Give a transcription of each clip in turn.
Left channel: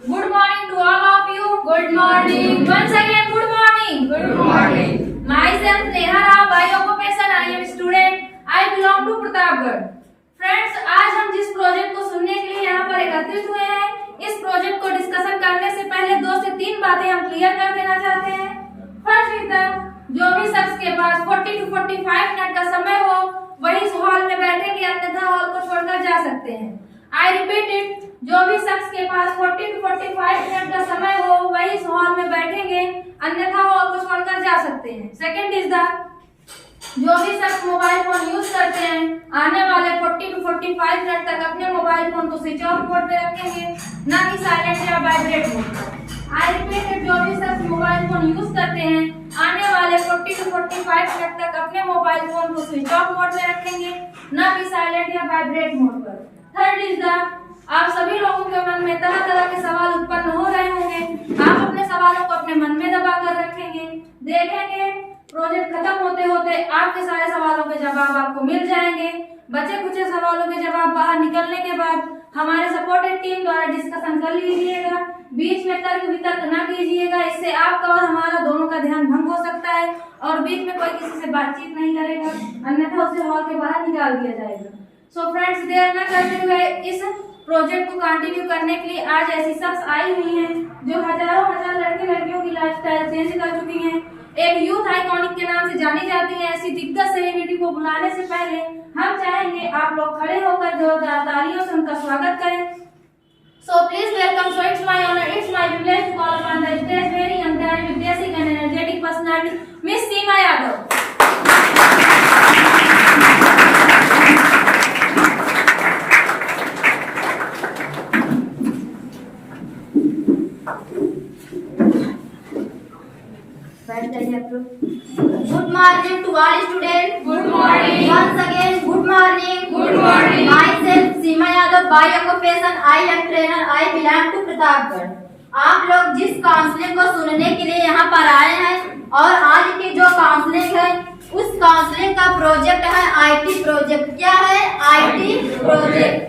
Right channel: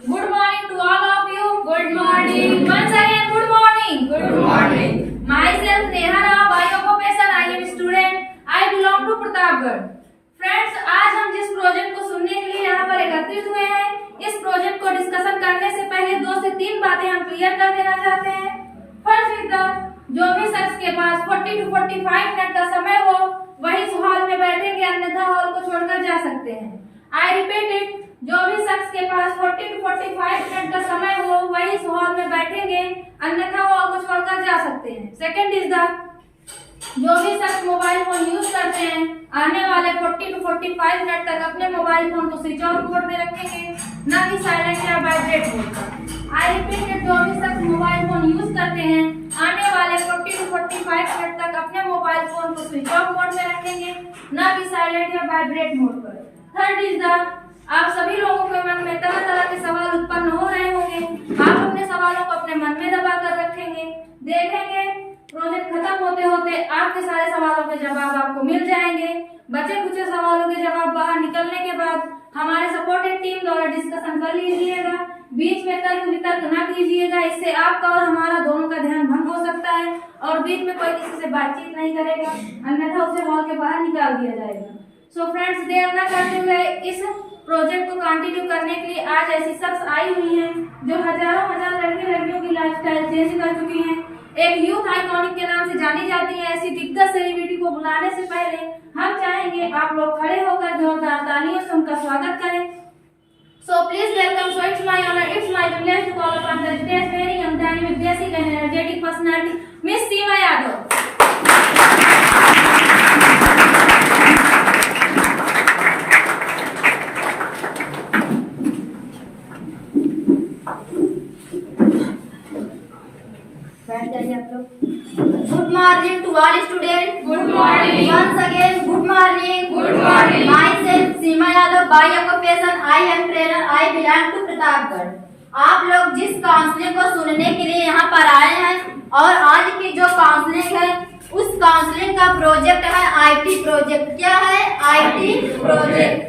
Good morning to all of you. Good morning. Once again, good morning. Good morning. Myself Neha Rao, biooccupational I am student. I belong to Pratapgarh. Friends, आज हम जिस project को सुनने के लिए यहाँ पर एकत्रित हुए हैं, इस प्रोजेक्ट को डिस्कशन करने से पहले 2 से 3 बातें हम क्लियर कर देना चाहते हैं. फर्स्ट, जो भी शख्स के पास 40 to 45 मिनट का समय हो वही इस हॉल में बैठेंगे, अन्यथा हॉल को छोड़कर जा सकते हैं. आई रिपीट इट, जो भी शख्स के पास 40 to 45 मिनट का समय हो वही इस हॉल में बैठेंगे, अन्यथा हॉल को छोड़कर जा सकते हैं. सेकंड इज द, जो भी शख्स मोबाइल फोन यूज करते हैं आने वाले 40 to 45 मिनट तक अपने मोबाइल फोन को स्विच ऑफ मोड पे रखेंगे, ना कि साइलेंट या वाइब्रेट मोड पर. आई रिपीट इट, जो भी शख्स मोबाइल फोन यूज करते हैं आने वाले 40 to 45 मिनट तक अपने मोबाइल फोन को स्विच ऑफ मोड में रखेंगे, ना कि साइलेंट या वाइब्रेट मोड पर. थर्ड इज द, आप सभी लोगों के मन में तरह तरह के सवाल उत्पन्न हो रहे होंगे. आप अपने सवालों को अपने मन में दबा कर रखेंगे. देखेंगे प्रोजेक्ट खत्म होते होते आपके सारे सवालों के जवाब आपको मिल जाएंगे. बचे कुछ सवालों के जवाब बाहर निकलने के बाद हमारे सपोर्टेड टीम द्वारा डिस्कशन कर लीजिएगा. बीच में तर्क वितर्क न कीजिएगा, इससे आपका और हमारा दोनों का ध्यान भंग हो सकता है और बीच में कोई किसी से बातचीत नहीं करेगा, अन्यथा उसे हॉल के बाहर निकाल दिया जाएगा. सो फ्रेंड्स, देर न करते हुए इस प्रोजेक्ट को कंटिन्यू करने के लिए आज ऐसी शख्स आई हुई हैं जो हजारों हजार लड़के लड़कियों की लाइफस्टाइल चेंज कर चुकी हैं, एक यूथ आइकॉनिक के नाम से जानी जाती हैं. ऐसी दिग्गज सेलिब्रिटी को बुलाने से पहले हम चाहेंगे आप लोग खड़े होकर जोरदार तालियों से उनका स्वागत करें. So please welcome. So it's my honour, it's my privilege to call upon the stage very young dynamic basic and energetic personality miss Seema Yadav. Good morning to all students. Good morning. Once again, good morning. Good morning. Myself Seema Yadav, biooccupational I am trainer. I belong to Pratapgarh. आप लोग जिस counselling को सुनने के लिए यहाँ पर आए हैं और आज की जो काउंसलिंग है उस काउंसलिंग का प्रोजेक्ट है आईटी प्रोजेक्ट. क्या है? IT project.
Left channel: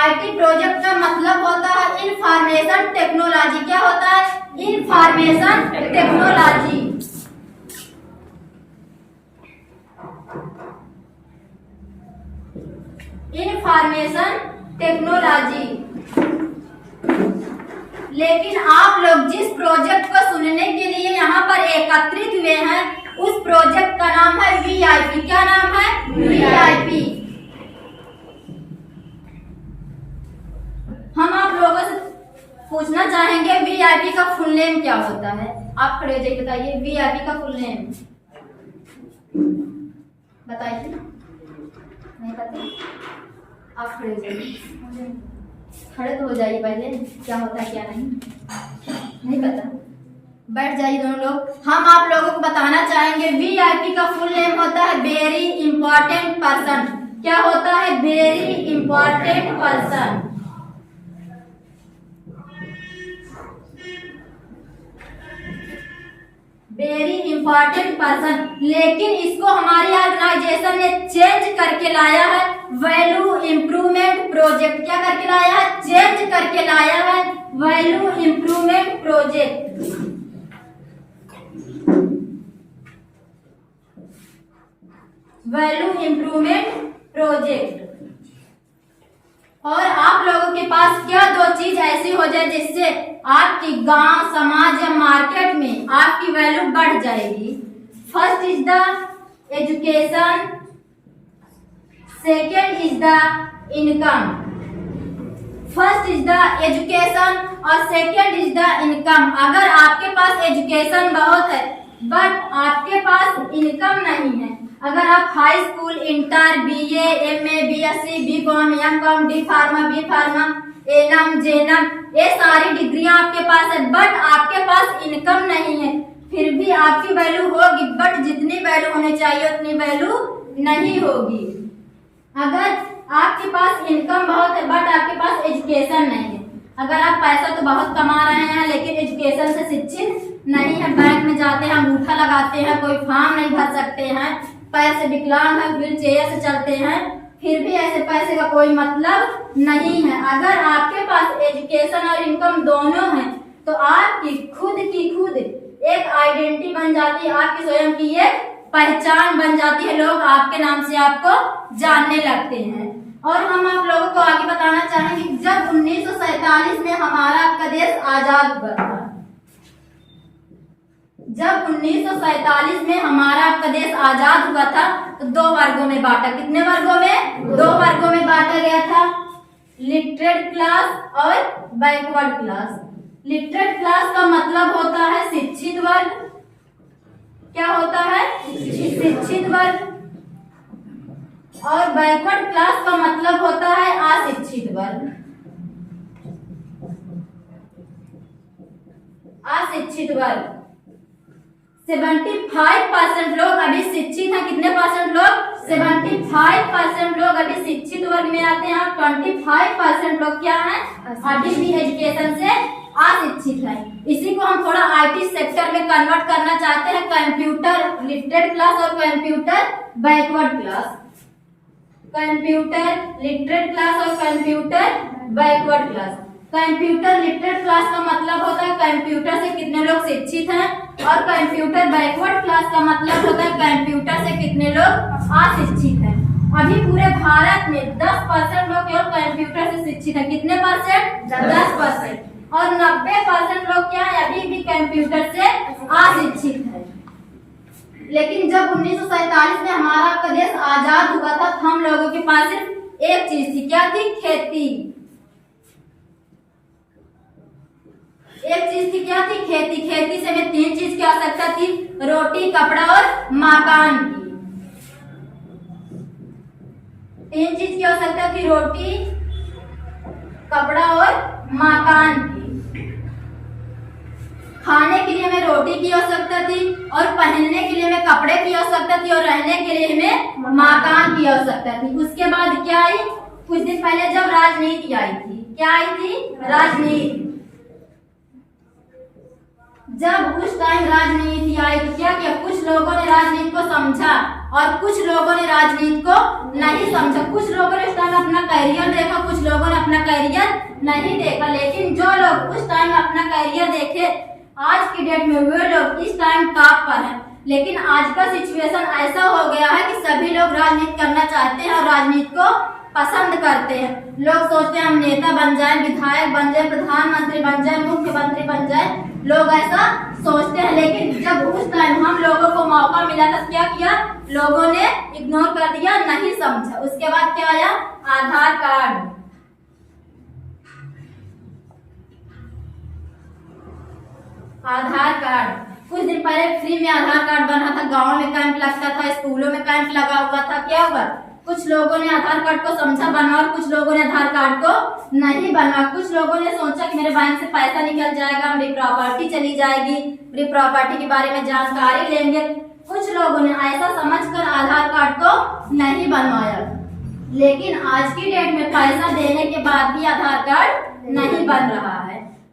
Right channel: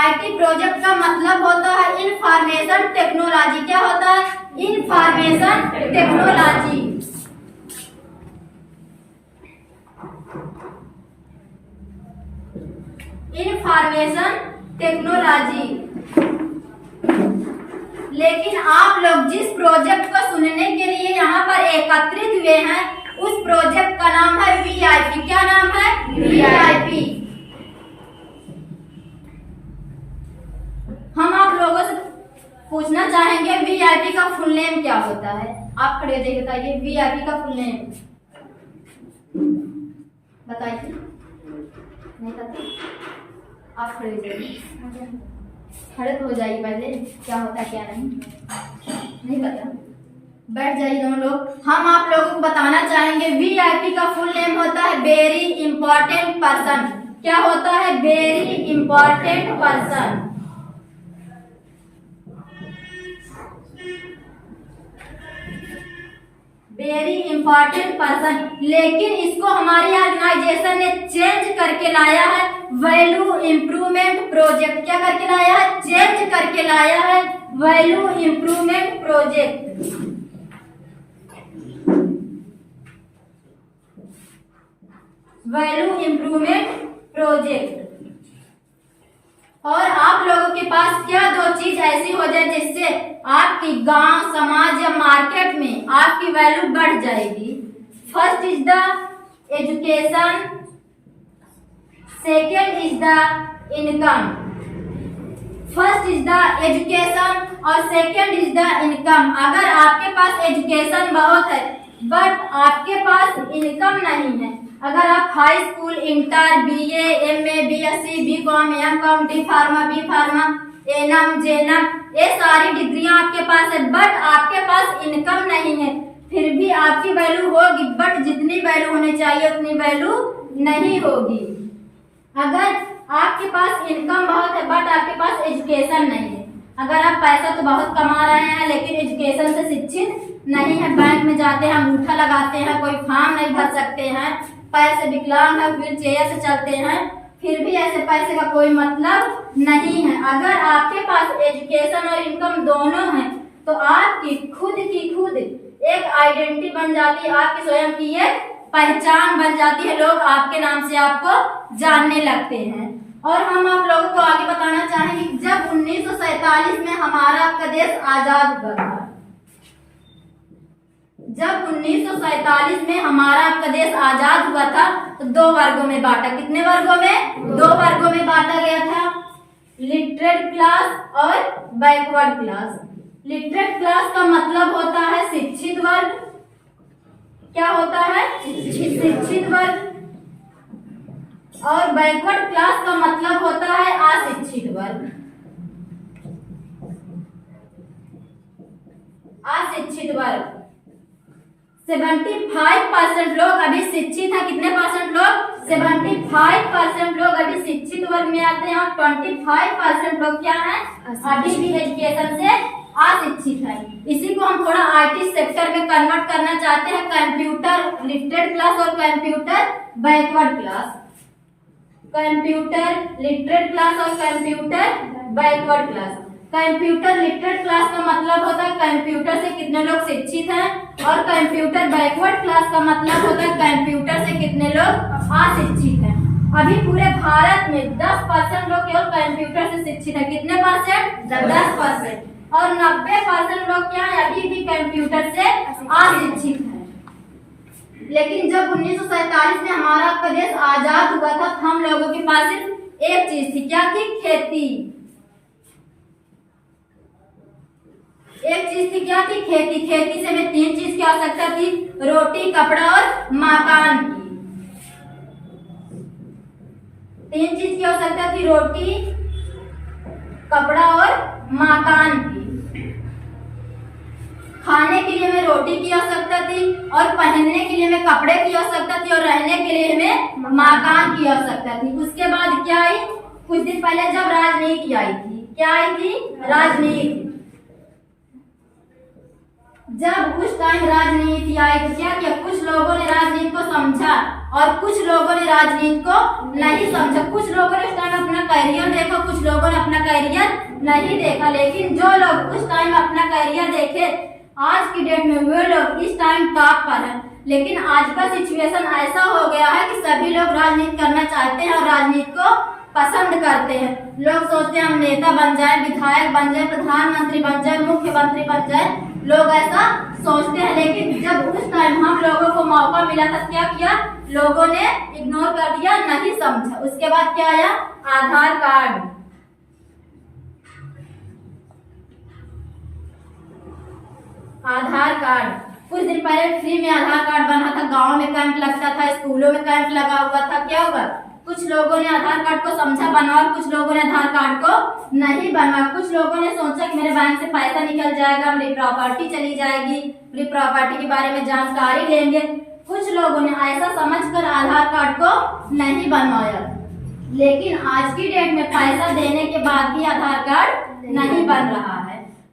आईटी प्रोजेक्ट का मतलब होता है इंफॉर्मेशन टेक्नोलॉजी. क्या होता है? Information technology. Information technology. लेकिन आप लोग जिस प्रोजेक्ट को सुनने के लिए यहाँ पर एकत्रित हुए हैं उस प्रोजेक्ट का नाम है वीआईपी. क्या नाम है? वीआईपी. हम आप लोगों से पूछना चाहेंगे वीआईपी का फुल नेम क्या होता है. आप खड़े हो जाइए, बताइए वीआईपी का फुल नेम बताइए. नहीं पता? आप खड़े हो जाइए, खड़े तो हो जाइए पहले. क्या होता है क्या नहीं पता? बैठ जाइए दोनों लोग. हम आप लोगों को बताना चाहेंगे वीआईपी का फुल नेम होता है वेरी इंपॉर्टेंट पर्सन. क्या होता है? Very important person. Very important person. लेकिन इसको हमारी ऑर्गेनाइजेशन ने चेंज करके लाया है वैल्यू इम्प्रूवमेंट प्रोजेक्ट. क्या करके लाया है? चेंज करके लाया है value improvement project. Value improvement project. और आप लोगों के पास क्या 2 चीज ऐसी हो जाए जिससे आपकी गांव समाज या मार्केट में आपकी वैल्यू बढ़ जाएगी. First is the education, second is the income. First is the education और सेकेंड इज द इनकम. अगर आपके पास एजुकेशन बहुत है बट आपके पास इनकम नहीं है, अगर आप high school, inter, BA, MA, BSc, BCom, MCom, D pharma, B pharma, ANM, GNM, ये सारी डिग्रियां आपके पास है बट आपके पास इनकम नहीं है, फिर भी आपकी वैल्यू होगी बट जितनी वैल्यू होनी चाहिए उतनी वैल्यू नहीं होगी. अगर आपके पास इनकम बहुत है बट आपके पास एजुकेशन नहीं है, अगर आप पैसा तो बहुत कमा रहे हैं लेकिन एजुकेशन से शिक्षित नहीं है, बैंक में जाते हैं अंगूठा लगाते हैं, कोई फॉर्म नहीं भर सकते हैं, पैर से विकलांग है, व्हील चेयर से चलते हैं, फिर भी ऐसे पैसे का कोई मतलब नहीं है। अगर आपके पास एजुकेशन और इनकम दोनों है तो आपकी खुद एक आइडेंटिटी बन जाती है, आपकी स्वयं की एक पहचान बन जाती है, लोग आपके नाम से आपको जानने लगते हैं। और हम आप लोगों को आगे बताना चाहेंगे कि जब 1947 में हमारा आपका देश आजाद हुआ था, जब 1947 में हमारा आपका देश आजाद हुआ था तो 2 वर्गों में बांटा। कितने वर्गों में? 2 वर्गों में बांटा गया था, लिटरेट क्लास और बैकवर्ड क्लास। लिटरेट क्लास का मतलब होता है शिक्षित वर्ग। क्या होता है? शिक्षित वर्ग। और बैकवर्ड क्लास का मतलब होता है अशिक्षित वर्ग। अशिक्षित वर्ग 75% लोग अभी शिक्षित हैं। कितने परसेंट लोग? 75% लोग अभी शिक्षित वर्ग में आते हैं और 25% लोग क्या हैं? अभी भी एजुकेशन से अशिक्षित है। इसी को हम थोड़ा आईटी सेक्टर में कन्वर्ट करना चाहते हैं, कंप्यूटर लिटरेट क्लास और computer backward class. Computer literate class और computer backward class. Computer literate class का मतलब होता है कंप्यूटर से कितने लोग शिक्षित हैं, और कंप्यूटर बैकवर्ड क्लास का मतलब होता है कंप्यूटर से कितने लोग अशिक्षित हैं। अभी पूरे भारत में 10% लोग केवल कंप्यूटर से शिक्षित हैं। कितने परसेंट? 10%। और 90% लोग क्या है? अभी भी कंप्यूटर से अशिक्षित है। लेकिन जब 1947 में हमारा आपका देश आजाद हुआ था तो हम लोगों के पास सिर्फ एक चीज थी। क्या थी? खेती। एक चीज थी, क्या थी? खेती। खेती से हमें 3 चीज की आवश्यकता थी, रोटी, कपड़ा और मकान की। 3 चीज की आवश्यकता थी, रोटी, कपड़ा और मकान की। खाने के लिए हमें रोटी की आवश्यकता थी, और पहनने के लिए हमें कपड़े की आवश्यकता थी, और रहने के लिए हमें मकान की आवश्यकता थी। उसके बाद क्या आई? कुछ दिन पहले जब राजनीति आई थी। क्या आई थी? राजनीति। जब उस टाइम राजनीति आई तो क्या किया? कुछ लोगों ने राजनीति को समझा और कुछ लोगों ने राजनीति को नहीं समझा। कुछ लोगों ने उस टाइम अपना करियर देखा, कुछ लोगों ने अपना करियर नहीं देखा। लेकिन जो लोग उस टाइम अपना करियर देखे, आज की डेट में वे लोग इस टाइम टॉप पर हैं। लेकिन आज का सिचुएशन ऐसा हो गया है कि सभी लोग राजनीति करना चाहते हैं और राजनीति को पसंद करते हैं। लोग सोचते हैं हम नेता बन जाए, विधायक बन जाए, प्रधानमंत्री बन जाए, मुख्यमंत्री बन जाए, लोग ऐसा सोचते हैं। लेकिन जब उस टाइम हम लोगों को मौका मिला था, क्या किया? लोगों ने इग्नोर कर दिया, नहीं समझा। उसके बाद क्या आया? आधार कार्ड। आधार कार्ड कुछ दिन पहले फ्री में आधार कार्ड बना था, गांव में कैंप लगता था, स्कूलों में कैंप लगा हुआ था। क्या हुआ? कुछ लोगों ने आधार कार्ड को समझा, बनवा, और कुछ लोगों ने आधार कार्ड को नहीं बनवा। कुछ लोगों ने सोचा कि मेरे बैंक से पैसा निकल जाएगा, मेरी प्रॉपर्टी चली जाएगी, मेरी प्रॉपर्टी के बारे में जानकारी लेंगे। कुछ लोगों ने ऐसा समझकर आधार कार्ड को नहीं बनवाया। लेकिन आज की डेट में पैसा देने के बाद भी आधार कार्ड नहीं बन रहा है।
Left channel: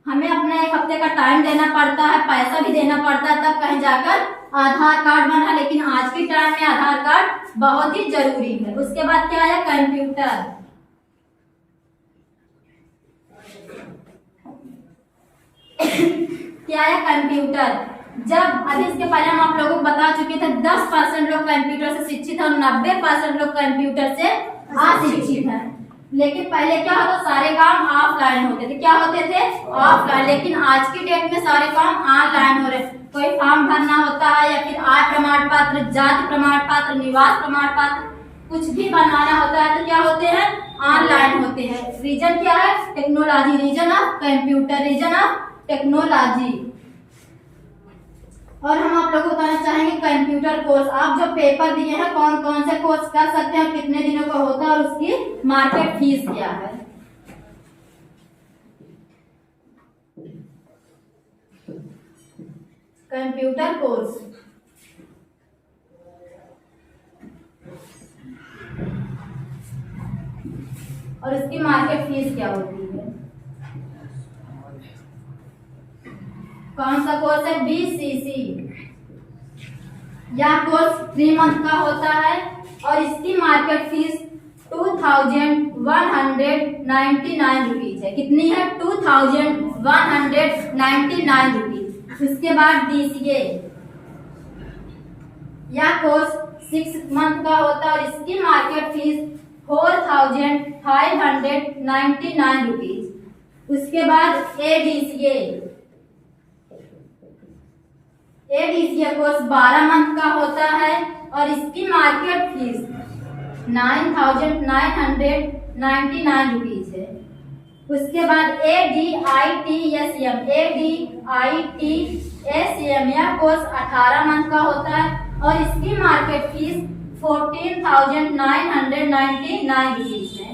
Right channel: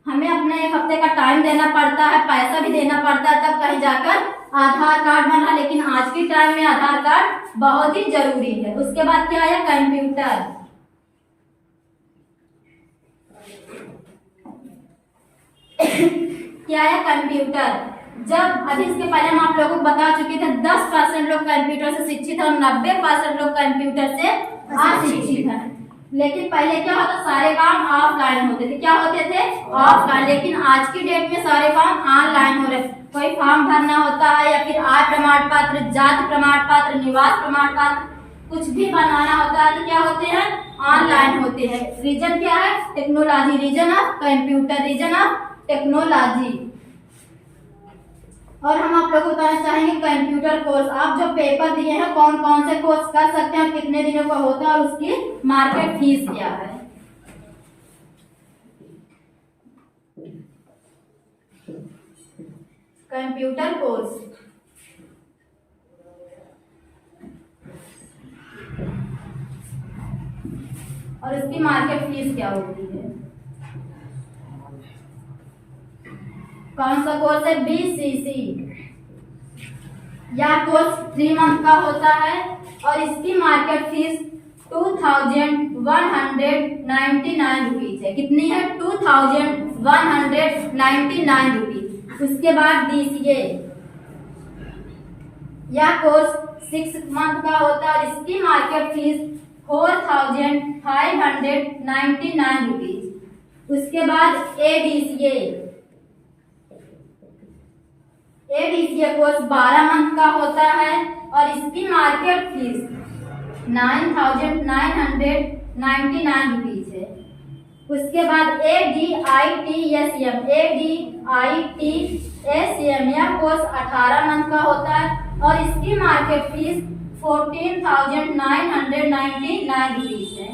हमें अपना 1 हफ्ते का टाइम देना पड़ता है, पैसा भी देना पड़ता है, तब कहीं जाकर आधार कार्ड बना। लेकिन आज के टाइम में आधार कार्ड बहुत ही जरूरी है। उसके बाद क्या आया? कंप्यूटर। क्या आया? कंप्यूटर। जब अभी इसके पहले हम आप लोगों को बता चुके थे 10% लोग कंप्यूटर से शिक्षित है और 90% लोग कंप्यूटर से अशिक्षित है। लेकिन पहले क्या होता? सारे काम ऑफलाइन होते थे। क्या होते थे? ऑफलाइन। लेकिन आज की डेट में सारे काम ऑनलाइन हो रहे। कोई फॉर्म भरना होता है या फिर आय प्रमाण पत्र, जाति प्रमाण पत्र, निवास प्रमाण पत्र, कुछ भी बनाना होता है तो क्या होते हैं? ऑनलाइन होते हैं। रीजन क्या है? Technology. Reason of computer, reason of technology. और हम आप लोगों को बताना चाहेंगे कंप्यूटर कोर्स। आप जो पेपर दिए हैं, कौन कौन से कोर्स कर सकते हैं, कितने दिनों का होता है और उसकी मार्केट फीस क्या है। कंप्यूटर कोर्स और उसकी मार्केट फीस क्या होती है। कौन सा कोर्स है? BCC। यह कोर्स 3 मंथ का होता है और इसकी मार्केट फीस 2199 रुपीज है। कितनी है? 2199 रुपीज। उसके बाद DCA, यह कोर्स 6 मंथ का होता है और इसकी मार्केट फीस 4599 रुपीज। उसके बाद ADCA कोर्स 12 मंथ का होता है और इसकी मार्केट फीस 9999 रुपीज है। उसके बाद ADITSM यह कोर्स 18 मंथ का होता है और इसकी मार्केट फीस 14,999 रुपीज है।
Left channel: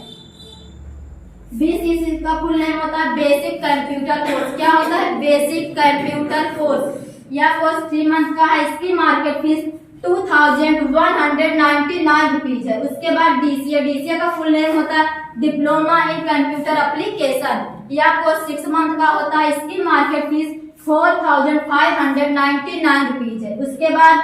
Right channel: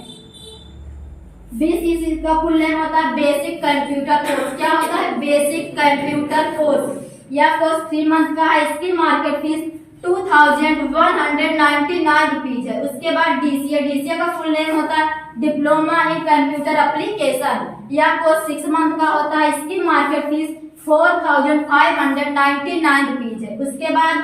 BCC का फुल नेम होता है बेसिक कंप्यूटर कोर्स। क्या होता है? Basic computer course. यह कोर्स 3 मंथ का है, इसकी मार्केट फीस 2199 रुपीज है। उसके बाद DCA का फुल नेम होता है डिप्लोमा इन कंप्यूटर एप्लीकेशन। यह कोर्स 6 मंथ का होता है, इसकी मार्केट फीस 4599 रुपीज है। उसके बाद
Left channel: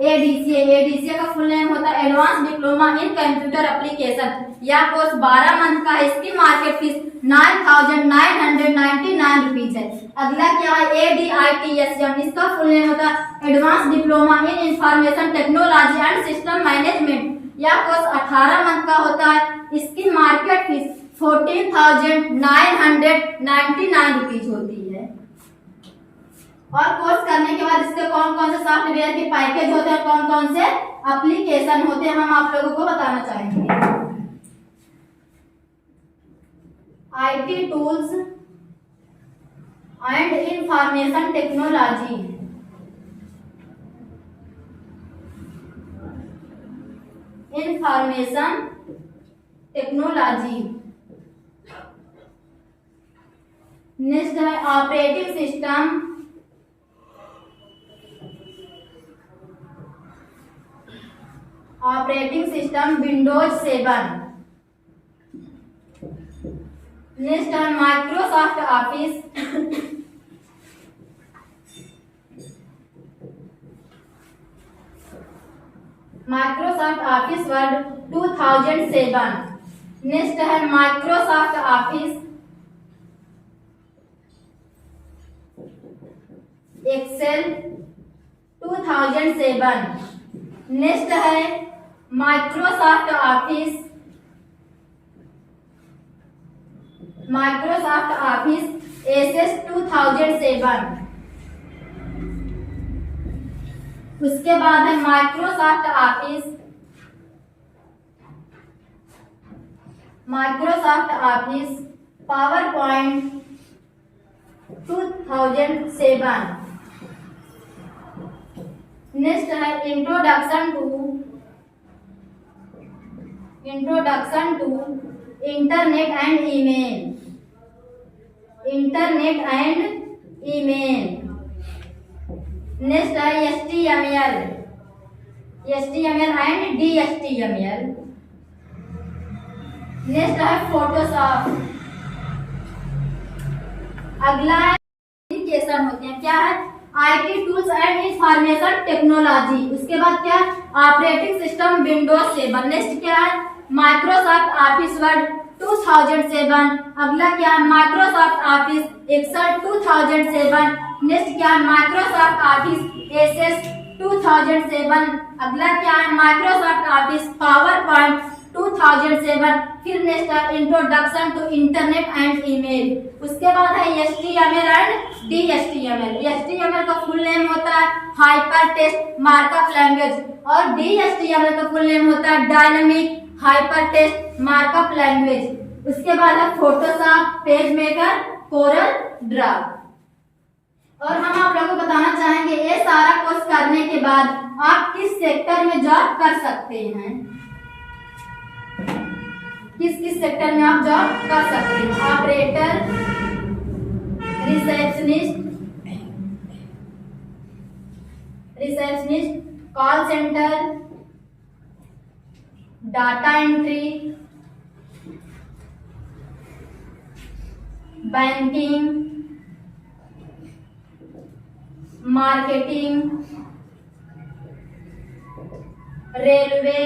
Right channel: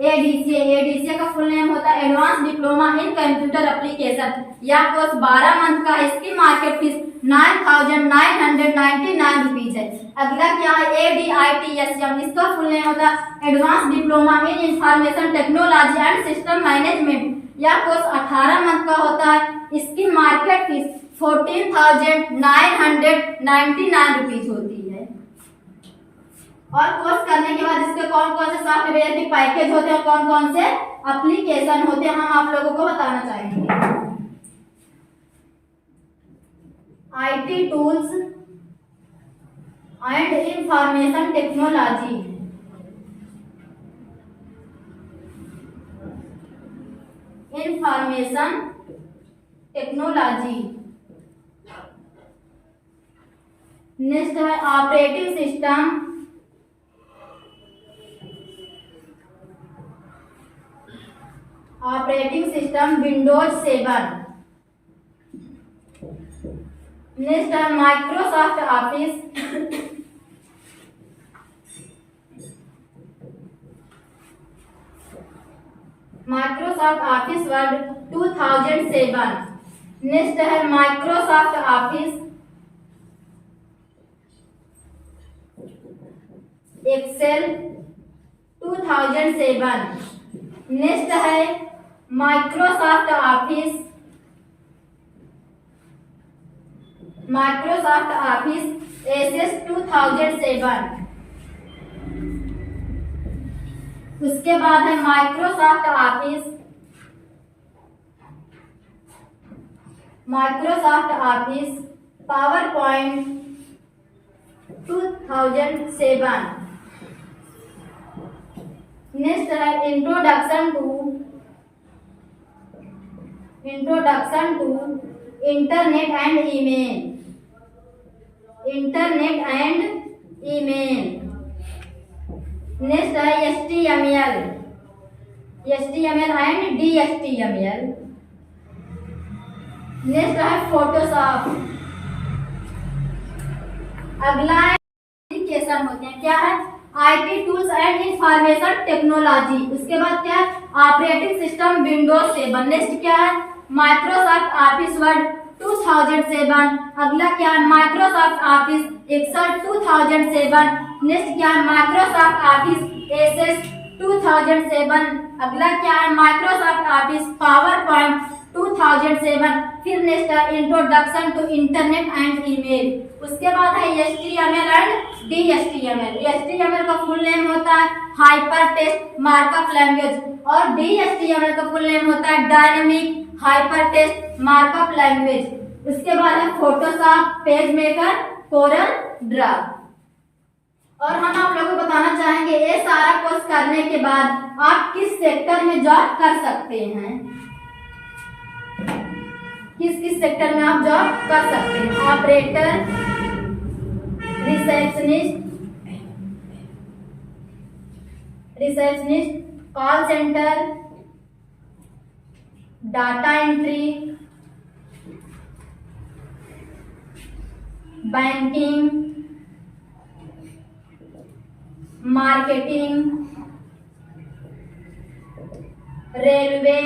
ADCA का फुल नेम होता है advance diploma in computer application. यह कोर्स 12 मंथ का है, इसकी मार्केट फीस 9999 रुपीज है। अगला क्या है? ADITSM, इसका फुल नेम होता है advance diploma in information technology and system management. यह कोर्स 18 मंथ का होता है, इसकी मार्केट फीस 14,999 रुपीज होती है। और कोर्स करने के बाद इसके कौन कौन से सॉफ्टवेयर के पैकेज होते हैं, कौन कौन से एप्लीकेशन होते हैं, हम आप लोगों को बताना चाहेंगे। IT tools and information technology, next है ऑपरेटिंग सिस्टम विंडोज 7। नेक्स्ट है माइक्रोसॉफ्ट ऑफिस, वर्ड 2007। नेक्स्ट है माइक्रोसॉफ्ट ऑफिस एक्सेल 2007। नेक्स्ट है माइक्रोसॉफ्ट ऑफिस एसएस 2007। उसके बाद है Microsoft Office PowerPoint 2007। Next है introduction to internet and email. Next है HTML and DHTML। Next है फोटोशॉप। अगला है एप्लीकेशन होते हैं, क्या है? IT tools and information technology. उसके बाद क्या है? Operating system Windows 7। नेक्स्ट क्या है? Microsoft Office Word 2007। अगला क्या है? Microsoft Office Excel 2007। नेक्स्ट क्या है? Microsoft Office SS 2007। अगला क्या है? Microsoft Office PowerPoint 2007। फिर नेक्स्ट है introduction to internet and email. उसके बाद है HTML एंड DHTML। HTML का फुल नेम होता है हाइपर टेक्स्ट मार्कअप लैंग्वेज और DHTML का फुल नेम होता है dynamic hyper text markup language. उसके बाद है Photoshop, PageMaker, CorelDRAW. और हम आप लोगों को बताना चाहेंगे ये सारा कोर्स करने के बाद आप किस सेक्टर में जॉब कर सकते हैं, किस सेक्टर में आप जॉब कर सकते हैं। Operator, receptionist, call centre, data entry, banking, marketing, railway,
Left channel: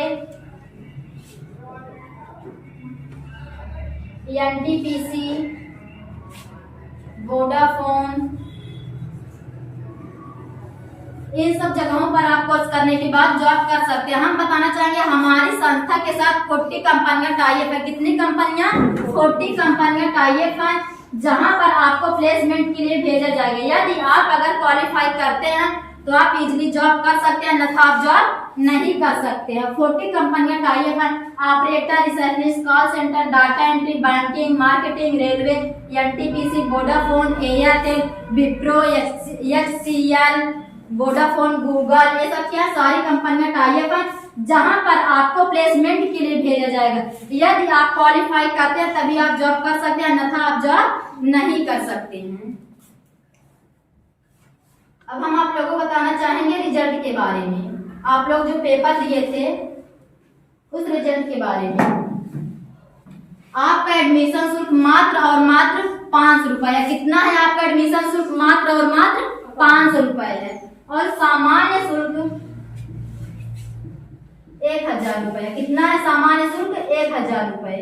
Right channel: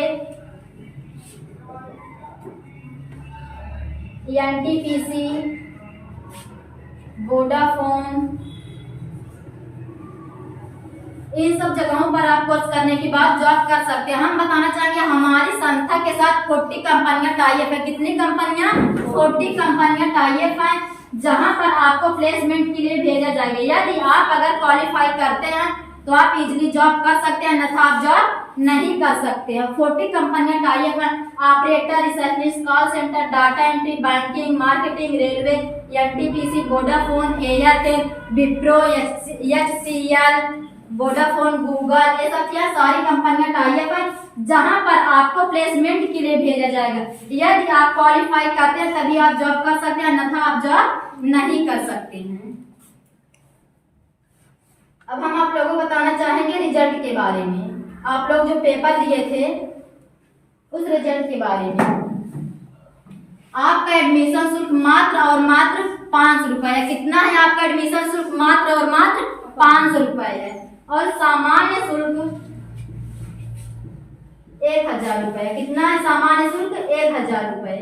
NTPC, Vodafone, इन सब जगहों पर आप कोर्स करने के बाद जॉब कर सकते हैं। हम बताना चाहेंगे हमारी संस्था के साथ 40 कंपनियां टाई अप है। कितनी कंपनियां? 40 कंपनियां टाई अप हैं, जहां पर आपको प्लेसमेंट के लिए भेजा जाएगा। यदि आप अगर क्वालिफाई करते हैं तो आप इजीली जॉब कर सकते हैं, अन्यथा आप जॉब नहीं कर सकते हैं। 40 कंपनियां टाई अप हैं। Operator, receptionist, call centre, data entry, banking, marketing, railway, NTPC, Vodafone, Airtel, Wipro, HCL, Vodafone, Google, ये सब क्या सारी कंपनियां टाई अप हैं, जहां पर आपको प्लेसमेंट के लिए भेजा जाएगा। यदि आप क्वालिफाई करते हैं तभी आप जॉब कर सकते हैं, अन्यथा आप जॉब नहीं कर सकते हैं। अब हम आप लोगों को बताना चाहेंगे रिजल्ट के बारे में। आप लोग जो पेपर दिए थे उस रिजल्ट के बारे में। आपका एडमिशन शुल्क मात्र और मात्र 5 रुपए। कितना है आपका एडमिशन शुल्क? मात्र और मात्र 500 रुपए है। और सामान्य शुल्क 1000 रुपए। कितना है सामान्य शुल्क? 1000 रुपए।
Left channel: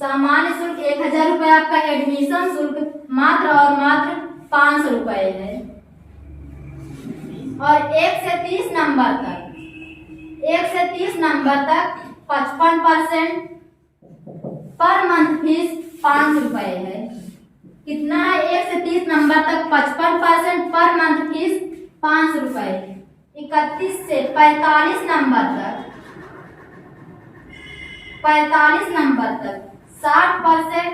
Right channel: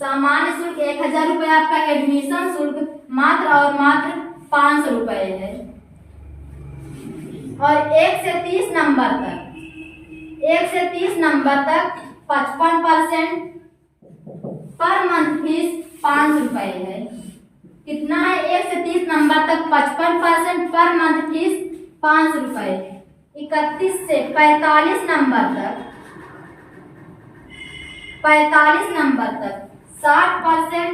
सामान्य शुल्क 1000 रुपए। आपका एडमिशन शुल्क मात्र और मात्र 500 रुपए है। और 1 से 30 नंबर तक 55% पर मंथ फीस 5 रुपए है। कितना है? 1 से 30 नंबर तक 55% पर मंथ फीस 5 रुपए। 31 से 45 नंबर तक 60%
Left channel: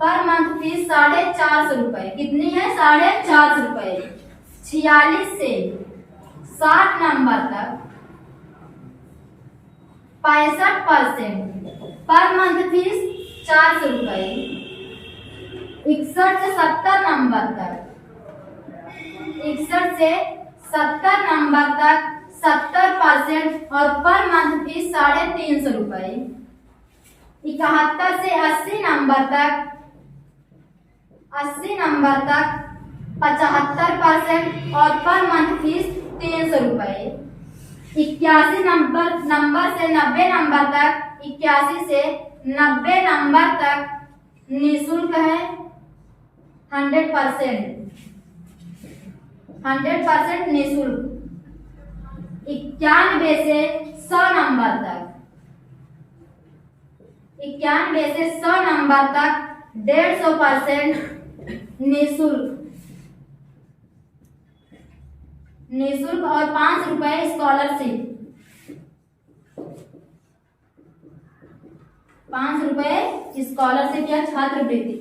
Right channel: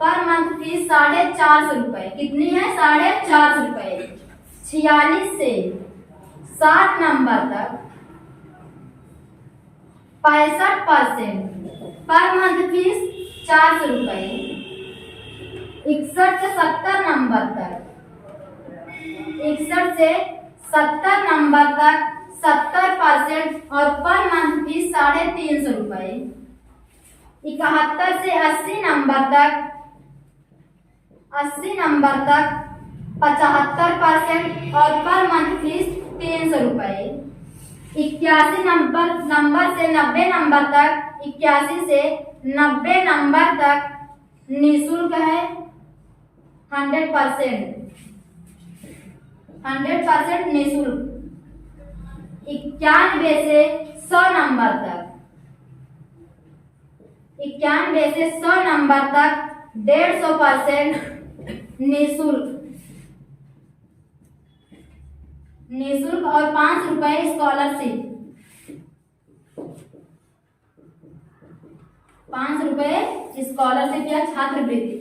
पर मंथ फीस 450 रुपए। कितनी है? 450 रुपए। 46 से 60 नंबर तक 65% पर मंथ फीस 400 रुपए। 61 से 70 नंबर तक 70% और पर मंथ फीस 350 रुपए। 71 से 80 नंबर तक 75% और पर मंथ फीस 300 रुपए। 81 नंबर से 90 नंबर तक 81 से 90 नंबर तक निःशुल्क है 100% निःशुल्क। 91 से 100 नंबर तक 150% निःशुल्क और 5 रुपए स्कॉलरशिप। 5 रुपए स्कॉलरशिप या छात्रवृत्ति,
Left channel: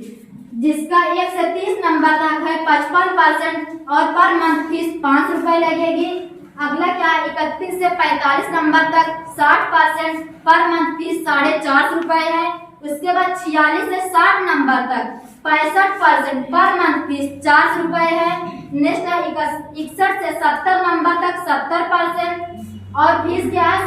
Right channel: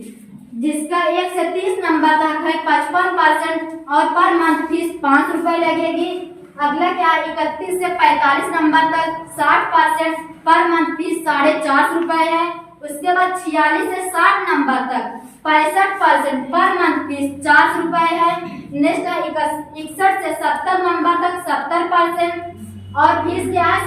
जिसका 1 से 30 नंबर तक है 55% और पर मंथ फीस 5 रुपए लगेगी। अगला क्या? 31 से 45 नंबर तक 60% पर मंथ फीस 450 रुपए है। उसके बाद 46 से 60 नंबर तक 65% पर मंथ फीस 400 रुपए है। नेक्स्ट है 61 से 70 नंबर तक 70% और फीस क्या है?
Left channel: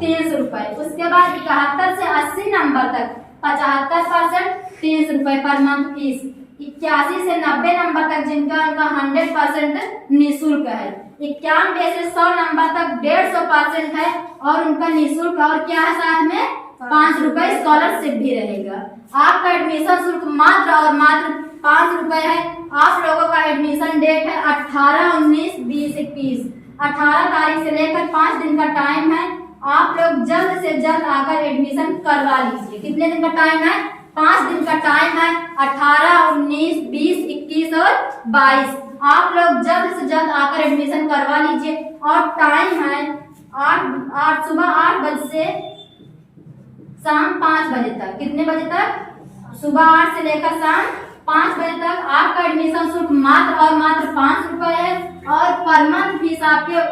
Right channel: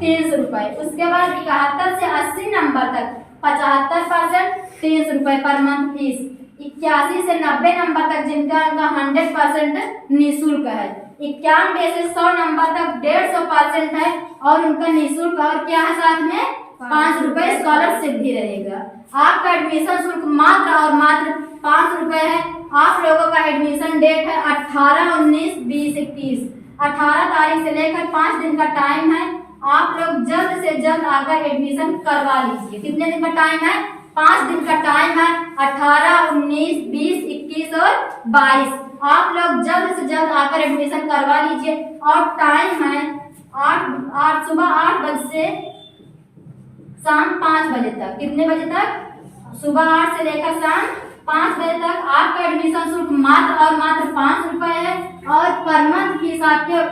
350 रुपए। उसके बाद 71 से 80 नंबर तक 75% 300 रुपए पर मंथ फीस। 81 से 90 नंबर तक जिनका 100% निःशुल्क है। 91 से 100 नंबर तक 150% है और उनका निःशुल्क और क्या है? साथ में 5 रुपए स्कॉलरशिप भी रहेगा। आपका एडमिशन शुल्क मात्र और मात्र 5 रुपए है। आप लोगों का एडमिशन डेट है 18, 19, 20, 21। 18 तारीख से लेकर 5 दिन का टाइम है। आप लोग जल्द से जल्द आकर एडमिशन करवा लीजिए। कितने दिन का टाइम है? 5 दिन का टाइम है। 18, 19, 20, 21 और 22। आप लोग जल्द से जल्द आकर एडमिशन करवा लीजिए। और टाइम है सुबह 8 बजे से शाम 5 बजे तक। कितने बजे तक? सुबह 8 से लेकर शाम 5 बजे तक। आपका एडमिशन शुल्क मात्र और मात्र 5 रुपए है और पर मंथ फीस आपके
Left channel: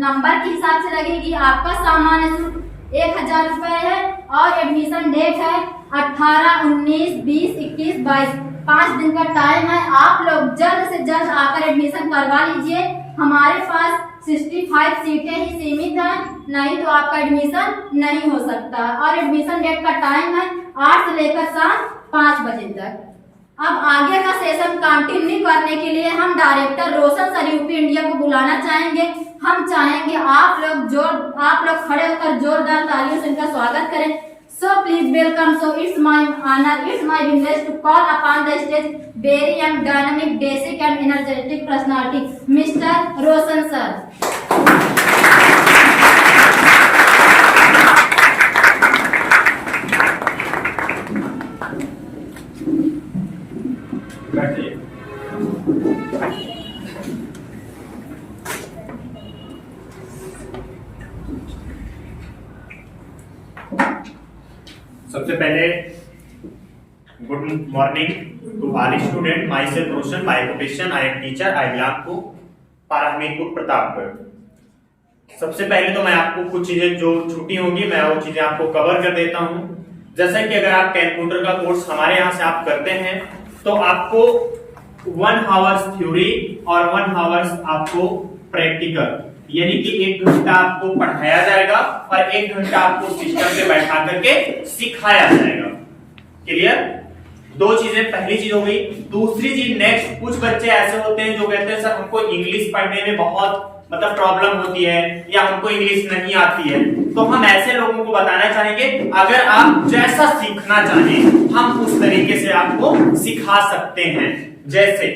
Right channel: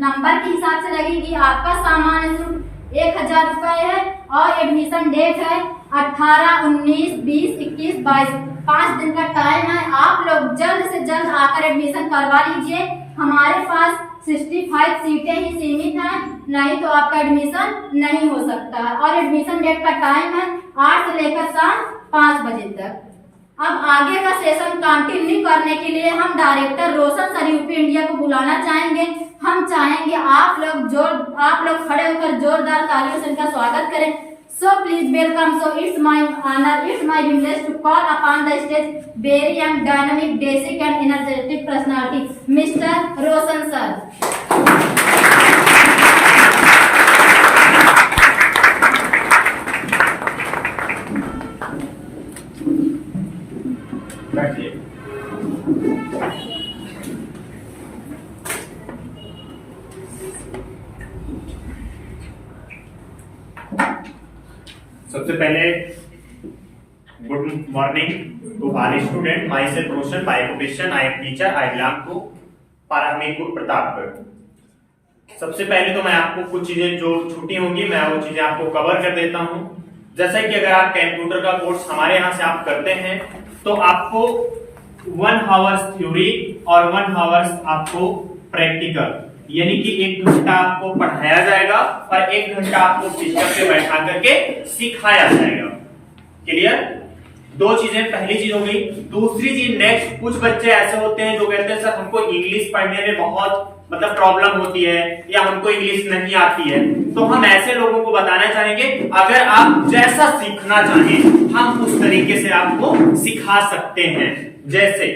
नंबर के हिसाब से लगेगी। आपका सामान्य शुल्क 1000 रुपए है और एडमिशन डेट है 18, 19, 20, 21, 22। 5 दिन का टाइम है। आप लोग जल्द से जल्द आकर एडमिशन करवा लीजिए। हमारे पास 65 सीटें ही सीमित हैं, नहीं तो आपका एडमिशन नहीं हो सकता। और एडमिशन डेट का टाइम है 8 से लेकर शाम 5 बजे तक। अब आगे का सेशन कंटिन्यू करने के लिए हम डायरेक्टर रोशन सर यूपी इंडिया को बुलाना चाहेंगे। हम चाहेंगे आप लोग खड़े होकर जोरदार तालियों से इनका स्वागत करें। So please welcome. So it's my honor, it's my privilege to call upon the stage very young, dynamic, basic and energetic personality, Mr. Roshan sir. सबसे पहले good morning to all student. Myself Roshan, by occupation I am teacher, I belong to Hamirpur Pratapgarh. सबसे पहले तो मैं आपको कुछ चीजें जो छुट्टी होंगी मैं वो चीजें आपको कवर कर देता हूं। जैसा कि अगर आप कंप्यूटर का कोर्स हमारे यहाँ से आप करते हैं तो आपको 1 आवर्स थ्योरी और 1 आवर्स आपको प्रैक्टिकल, यानी कि 1 घंटा आपको पढ़ाया जाएगा और 1 घंटा आपको सिस्टम पे बैठा करके सिखाया जाएगा। क्लियर? 2 चीजें, पहली चीज हो गई। दूसरी चीज नेक्स्ट, कुछ बच्चे ऐसे होते हैं जो कहते हैं सर हमको इंग्लिश पढ़ने में बहुत प्रॉब्लम होती है या हमको इंग्लिश नहीं आती है। तो हम ऐसे लोगों को बताना चाहेंगे अगर आप जैसा सीखना चाहें हम उस तरीके से आपको सिखा सकते हैं। जैसे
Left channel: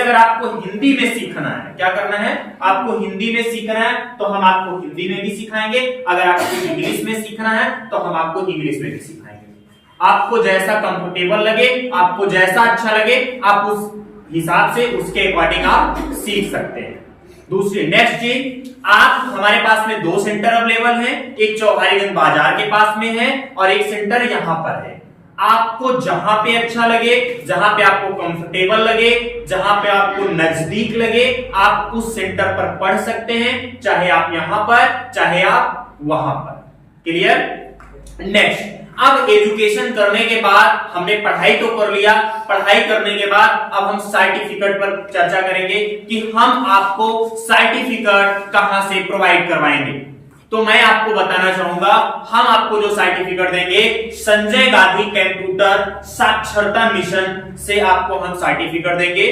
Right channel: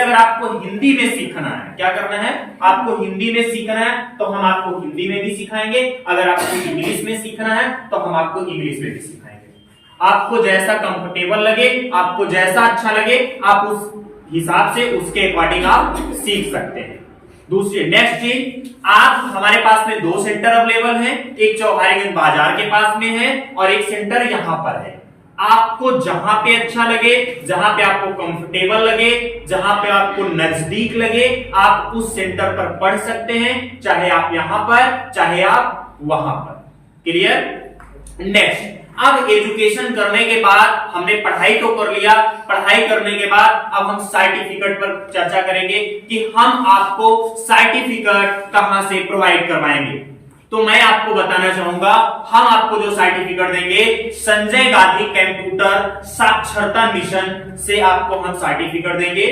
अगर आपको हिंदी में सीखना है, क्या करना है? आपको हिंदी में सीखना है तो हम आपको हिंदी में भी सिखाएंगे। अगर आपको इंग्लिश में सीखना है तो हम आपको इंग्लिश में भी सिखाएंगे। आपको जैसा कंफर्टेबल लगे, आपको जैसा अच्छा लगे, आप उस हिसाब से उसके अकॉर्डिंग आप सीख सकते हैं। दूसरी नेक्स्ट चीज, आप हमारे पास में 2 सेंटर अवेलेबल हैं। एक चौहारीगंज बाजार के पास में है और एक सेंटर यहां पर है। आपको जहां पे अच्छा लगे, जहां पे आपको कंफर्टेबल लगे, जहां पे आपको नजदीक लगे, आप उस सेंटर पर पढ़ सकते हैं, चाहे आप यहां पर चाहे आप वहां पर। क्लियर? नेक्स्ट, अब एजुकेशन करने के बाद हमने पढ़ाई तो कर लिया, पढ़ाई करने के बाद अब हम सर्टिफिकेट पर चर्चा करेंगे कि हम आपको सर्टिफिकेट कहां से प्रोवाइड करवाएंगे। तो मैं आपको बताना चाहूंगा, हम आपको जो सर्टिफिकेट देंगे संजय गांधी कंप्यूटर साक्षरता मिशन से आपको हम सर्टिफिकेट देंगे।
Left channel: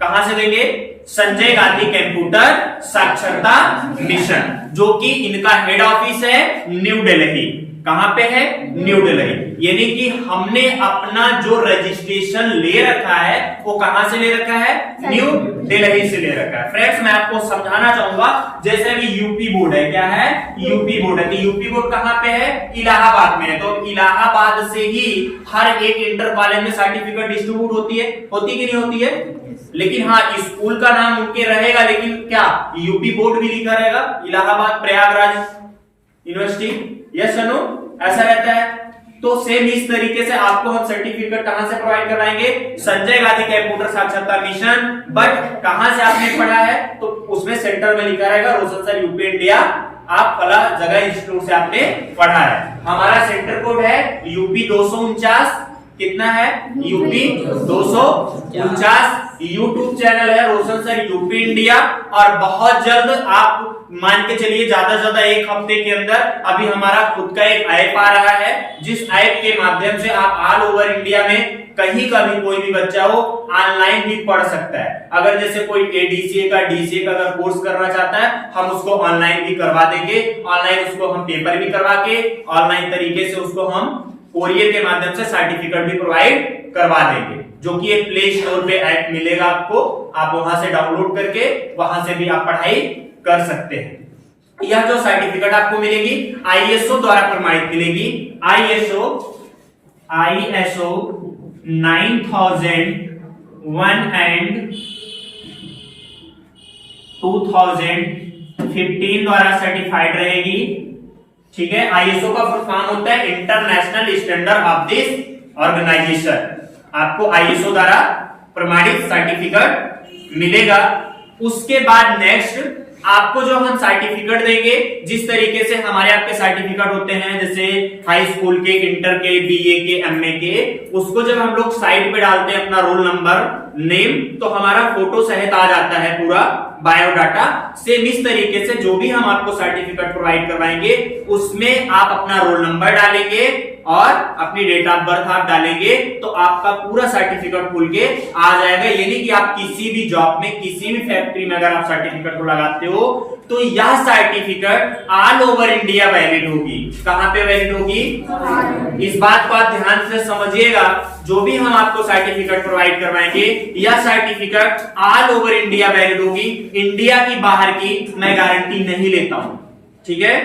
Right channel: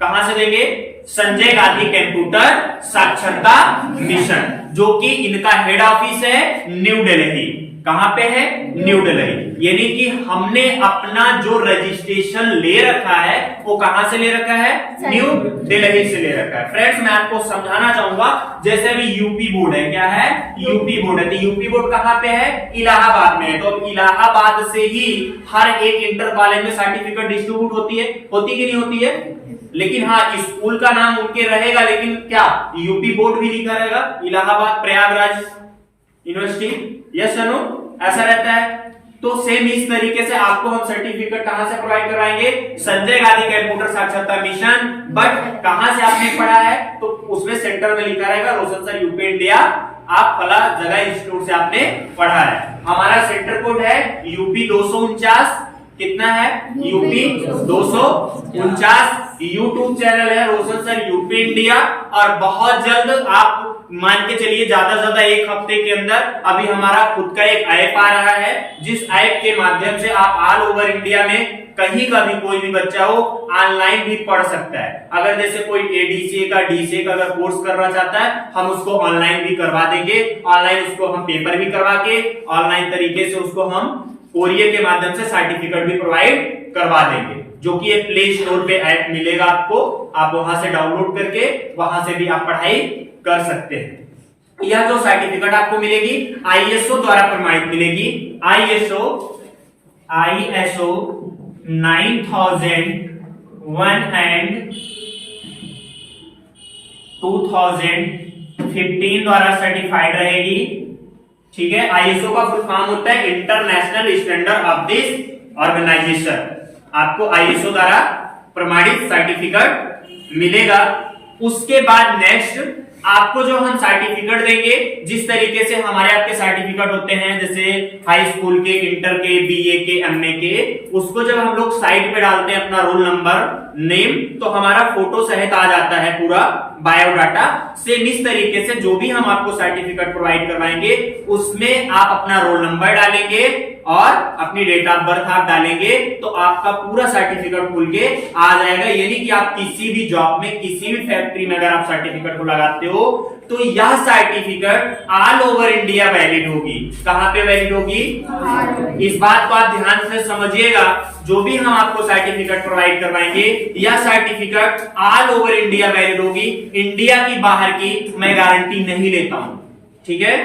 कहां से देंगे? संजय गांधी कंप्यूटर साक्षरता मिशन, जो कि इनका हेड ऑफिस है न्यू दिल्ली। कहां पे है? न्यू दिल्ली। यानी कि हमने अपना जो रजिस्ट्रेशन ले रखा है वो कहां से ले रखा है? न्यू दिल्ली से ले रखा है। फ्रेंड्स मैं आपको समझाना चाहूंगा, जैसे भी यूपी बोर्ड है, क्या है? यूपी बोर्ड है। तो यूपी बोर्ड कहां पे है? इलाहाबाद में है। तो इलाहाबाद से ही हर एक इंटर कॉलेज में सर्टिफिकेट डिस्ट्रीब्यूट होती है कि नहीं होती है? लेकिन हाँ, स्कूल का नाम उनके रहेगा, लेकिन क्या यूपी बोर्ड भी लिखा रहेगा, इलाहाबाद प्रयागराज यूनिवर्सिटी। यस अनु, ऐसा रहता है। तो सेम इस तरीके से आपको हम सर्टिफिकेट कहां से प्रोवाइड करवाएंगे? संजय गांधी कंप्यूटर साक्षरता मिशन। बट कहां से आपने पढ़ा है तो उसमें सेंटर में लिखा रहेगा रोशन सर यूपी इंडिया, आप फला जगह इंस्टीट्यूट से आपने पढ़ा है। हमारा सेंटर कोड है यूपी 249। कितना है? यूपी 249। यूट्यूब चैनल है रोशन सर यूपी इंडिया। और बहुत जल्द, आप मान के चलिए ज्यादा से ज्यादा 1 हफ्ते के अंदर अभी हमारा खुद का एक ऐप आ रहा है, जिस ऐप के माध्यम से आप ऑल ओवर इंडिया में कहीं का भी कोई भी बच्चा हो ऑनलाइन भी पढ़ सकता है। अगर जैसे कोई एडीसीए का डीसीए का अगर कोर्स करना चाहता है, हम उसको ऑनलाइन भी करवा देंगे। ऑनलाइन उसको हम पेपर भी करवा के ऑनलाइन तरीके से उसको हम कोरियर के माध्यम से सर्टिफिकेट भी प्रोवाइड करवा देंगे, जो कि एक प्ले स्टोर पे ऐप मिलेगा आपको, आप वहां से डाउनलोड करके वहां से भी आप पढ़ाई कर सकते हैं। यह जो सर्टिफिकेट आपको मिलेगी आईएसओ द्वारा प्रमाणित मिलेगी। आईएसओ 9001 एंड 2015 द्वारा सर्टिफाइड रहेगी। ठीक है? आईएसओ का फुल फॉर्म होता है international standard of this organisation. आपको आईएसओ द्वारा प्रमाणित सर्टिफिकेट मिलेगा। उसके बाद नेक्स्ट आपको जो हम सर्टिफिकेट देंगे, जिस तरीके से हमारे आपके सर्टिफिकेट होते हैं, जैसे हाई स्कूल के, इंटर के, बीए के, एमए के, उसको जब हम लोग साइड पे डालते हैं अपना रोल नंबर, नेम, तो हमारा फोटो सहित आ जाता है पूरा बायोडाटा। सेम इस तरीके से जो भी हम आपको सर्टिफिकेट प्रोवाइड करवाएंगे उसमें आप अपना रोल नंबर डालेंगे और अपनी डेट ऑफ बर्थ आप डालेंगे तो आपका पूरा सर्टिफिकेट खुल के आ जाएगा। यानी कि आप किसी भी जॉब में, किसी भी फैक्ट्री में अगर आप सर्टिफिकेट को लगाते हो तो यह certificate all over India valid होगी। कहां पे वैलिड होगी? इस बात को आप ध्यान से समझिएगा। जो भी हम आपको सर्टिफिकेट प्रोवाइड करवाएंगे, यह certificate all over India valid होगी। इंडिया की बाहर की मैं गारंटी नहीं लेता हूं, ठीक है?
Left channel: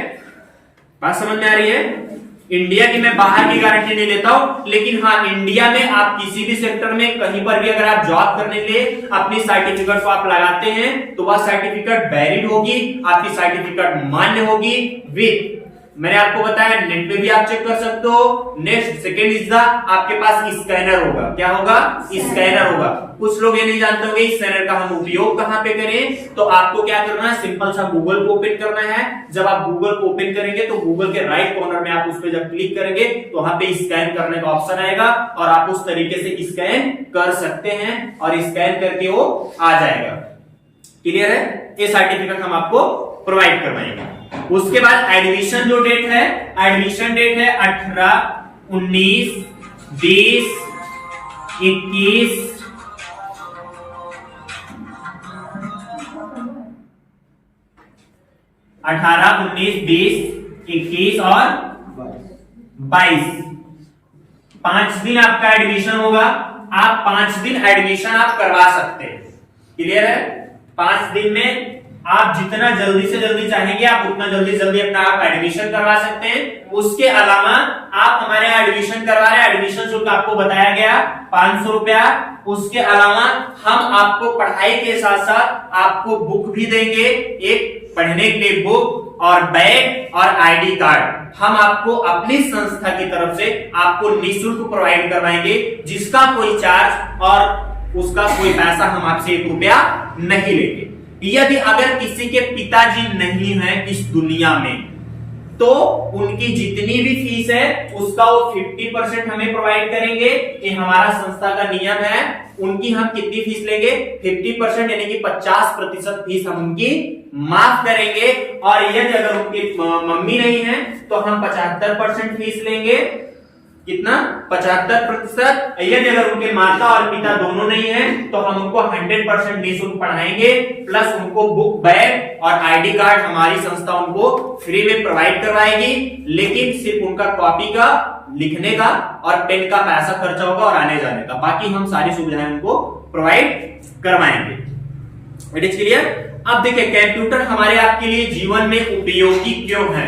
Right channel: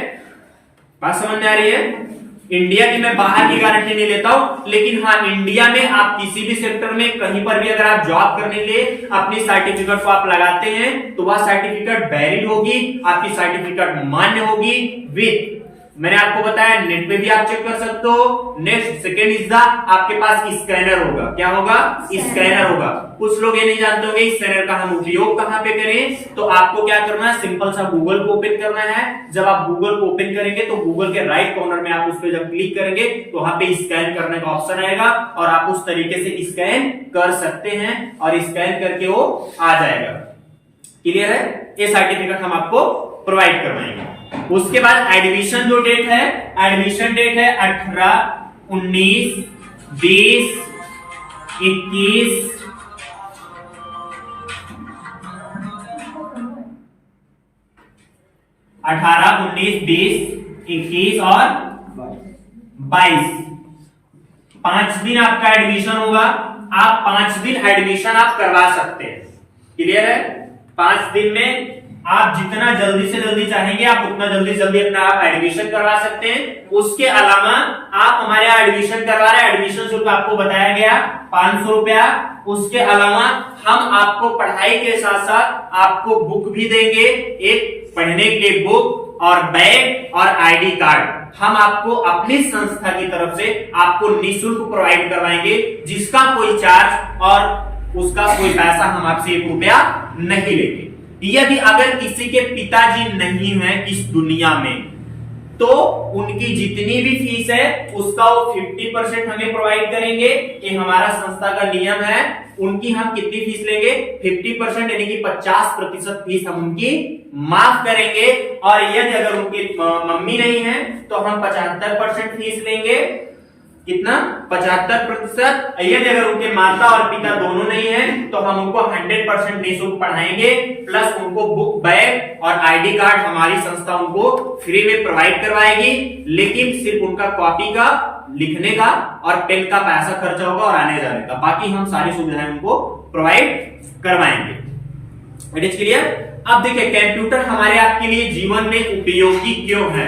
बात समझ में आ रही है? इंडिया की मैं बाहर की गारंटी नहीं लेता हूं, लेकिन हाँ, इंडिया में आप किसी भी सेक्टर में कहीं पर भी अगर आप जॉब करने के लिए अपनी सर्टिफिकेट को आप लगाते हैं तो वह सर्टिफिकेट वैलिड होगी, आपकी सर्टिफिकेट मान्य होगी। विथ, मैंने आपको बताया नेट पे भी आप चेक कर सकते हो। नेक्स्ट सेकेंड इज द, आपके पास स्कैनर होगा। क्या होगा? स्कैनर होगा। कुछ लोग ये नहीं जानते होंगे स्कैनर का हम उपयोग कहां पे करें। तो आपको क्या करना है, सिंपल सा गूगल को ओपन करना है। जब आप गूगल को ओपन करेंगे तो गूगल के राइट कॉर्नर में आप उस पर जब क्लिक करेंगे तो वहां पे स्कैन करने का ऑप्शन आएगा और आप उस तरीके से स्कैन कर सकते हैं और स्कैन करके वो आ जाएगा। क्लियर है? ये सर्टिफिकेट हम आपको प्रोवाइड करवाएंगे। उसके बाद एडमिशन जो डेट है, एडमिशन डेट है 18, 19, 20, 21, 18, 19, 20, 21 और 22। 5 दिन आपका एडमिशन होगा। आप 5 दिन एडमिशन आप करवा सकते हैं। क्लियर है? 5 दिन में आप जितना जल्दी से जल्दी चाहेंगे आप उतना जल्दी जल्दी अपना आप एडमिशन करवा सकते हैं। उसके अलावा आप हमारे यहाँ एडमिशन करवा रहे हैं, एडमिशन शुल्क आपको बताया गया 500 रुपया। उसके अलावा हम आपको पढ़ाई के साथ साथ आपको बुक भी देंगे, एक पढ़ने के लिए बुक और बैग और आईडी कार्ड हम आपको अपनी संस्था की तरफ से आपको निःशुल्क प्रोवाइड करवाएंगे, जिसका कोई चार्ज और उसका कोई पैसा हम आपसे 1 रुपया नहीं लेंगे। यदि अगर किसी के पिताजी नहीं हैं इस दुनिया में तो उनकी जितनी भी फीस है उसका वो 50% हमें प्रोवाइड करेंगे। ये हमारा संस्था का नियम है। उनकी हम कितनी फीस लेंगे? 50%, यानी कि 50% फीस हम उनकी माफ करेंगे। और यदि अगर उनकी मम्मी नहीं है तो हम 75% फीस लेंगे। कितना? 75%। यदि अगर उनके माता और पिता दोनों नहीं है तो हम उनको 100% निःशुल्क पढ़ाएंगे, प्लस उनको बुक, बैग और आईडी कार्ड हमारी संस्था उनको फ्री में प्रोवाइड करवाएगी। लेकिन सिर्फ उनका कॉपी का, लिखने का और पेन का पैसा खर्चा होगा और आने जाने का, बाकी हम सारी सुविधाएं उनको प्रोवाइड करवाएंगे। It is clear? अब देखिए, कंप्यूटर हमारे आपके लिए जीवन में उपयोगी क्यों है,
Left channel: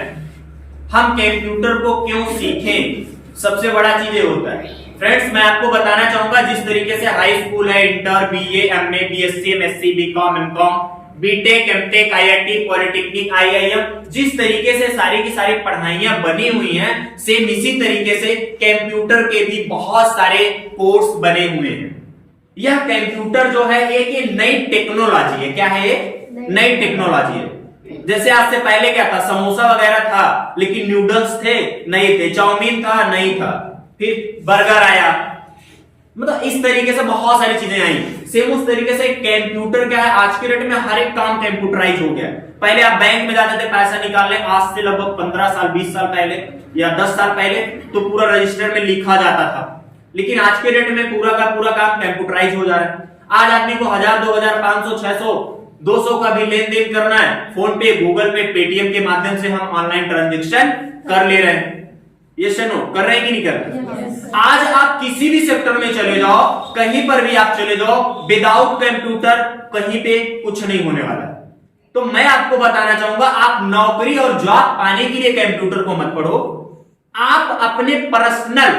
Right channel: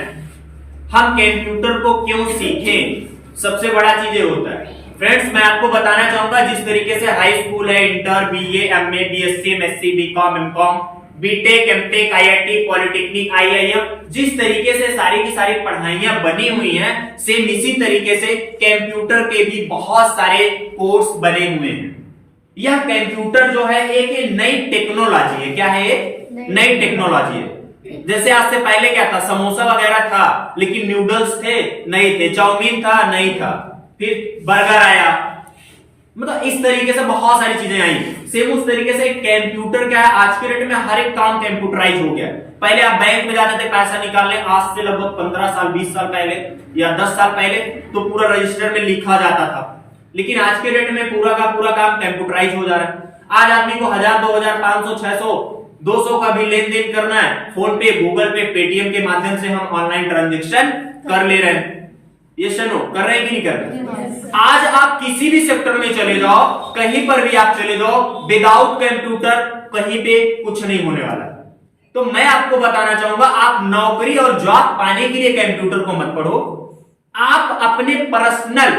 हम कंप्यूटर को क्यों सीखें, सबसे बड़ा चीज ये होता है। फ्रेंड्स, मैं आपको बताना चाहूंगा जिस तरीके से हाई स्कूल है, inter, BA, MA, BSc, MSc, BCom, MCom, BTech, MTech, IIT, polytechnic, IIM, जिस तरीके से सारी की सारी पढ़ाइयां बनी हुई हैं, सेम इसी तरीके से कंप्यूटर के भी बहुत सारे कोर्स बने हुए हैं। यह कंप्यूटर जो है एक नई टेक्नोलॉजी है। क्या है ये? नई टेक्नोलॉजी है। जैसे आज से पहले क्या था, समोसा वगैरह था लेकिन नूडल्स थे नहीं थे, चाउमीन था नहीं था, फिर बर्गर आया, मतलब इस तरीके से बहुत सारी चीजें आई। सेम उस तरीके से कंप्यूटर क्या है, आज के डेट में हर एक काम कंप्यूटराइज हो गया। पहले आप बैंक में जाते थे पैसा निकालने, आज से लगभग 15 साल 20 साल पहले या 10 साल पहले तो पूरा रजिस्टर में लिखा जाता था, लेकिन आज के डेट में पूरा का पूरा काम कंप्यूटराइज हो जा रहा है। आज आदमी को 1000, 2000, 500, 600, 200 का भी लेन देन करना है, फोन पे, गूगल पे, पेटीएम के माध्यम से हम ऑनलाइन ट्रांजैक्शन कर ले रहे हैं। ये सुनो, कर रहे हैं कि नहीं कर रहे? आज आप किसी भी सेक्टर में चले जाओ, कहीं पर भी आप चले जाओ, विदाउट कंप्यूटर कहीं पे कुछ नहीं होने वाला है। तो मैं आपको बताना चाहूंगा, आप नौकरी और जॉब पाने के लिए कंप्यूटर को मत पढ़ो, आप अपने पर्सनल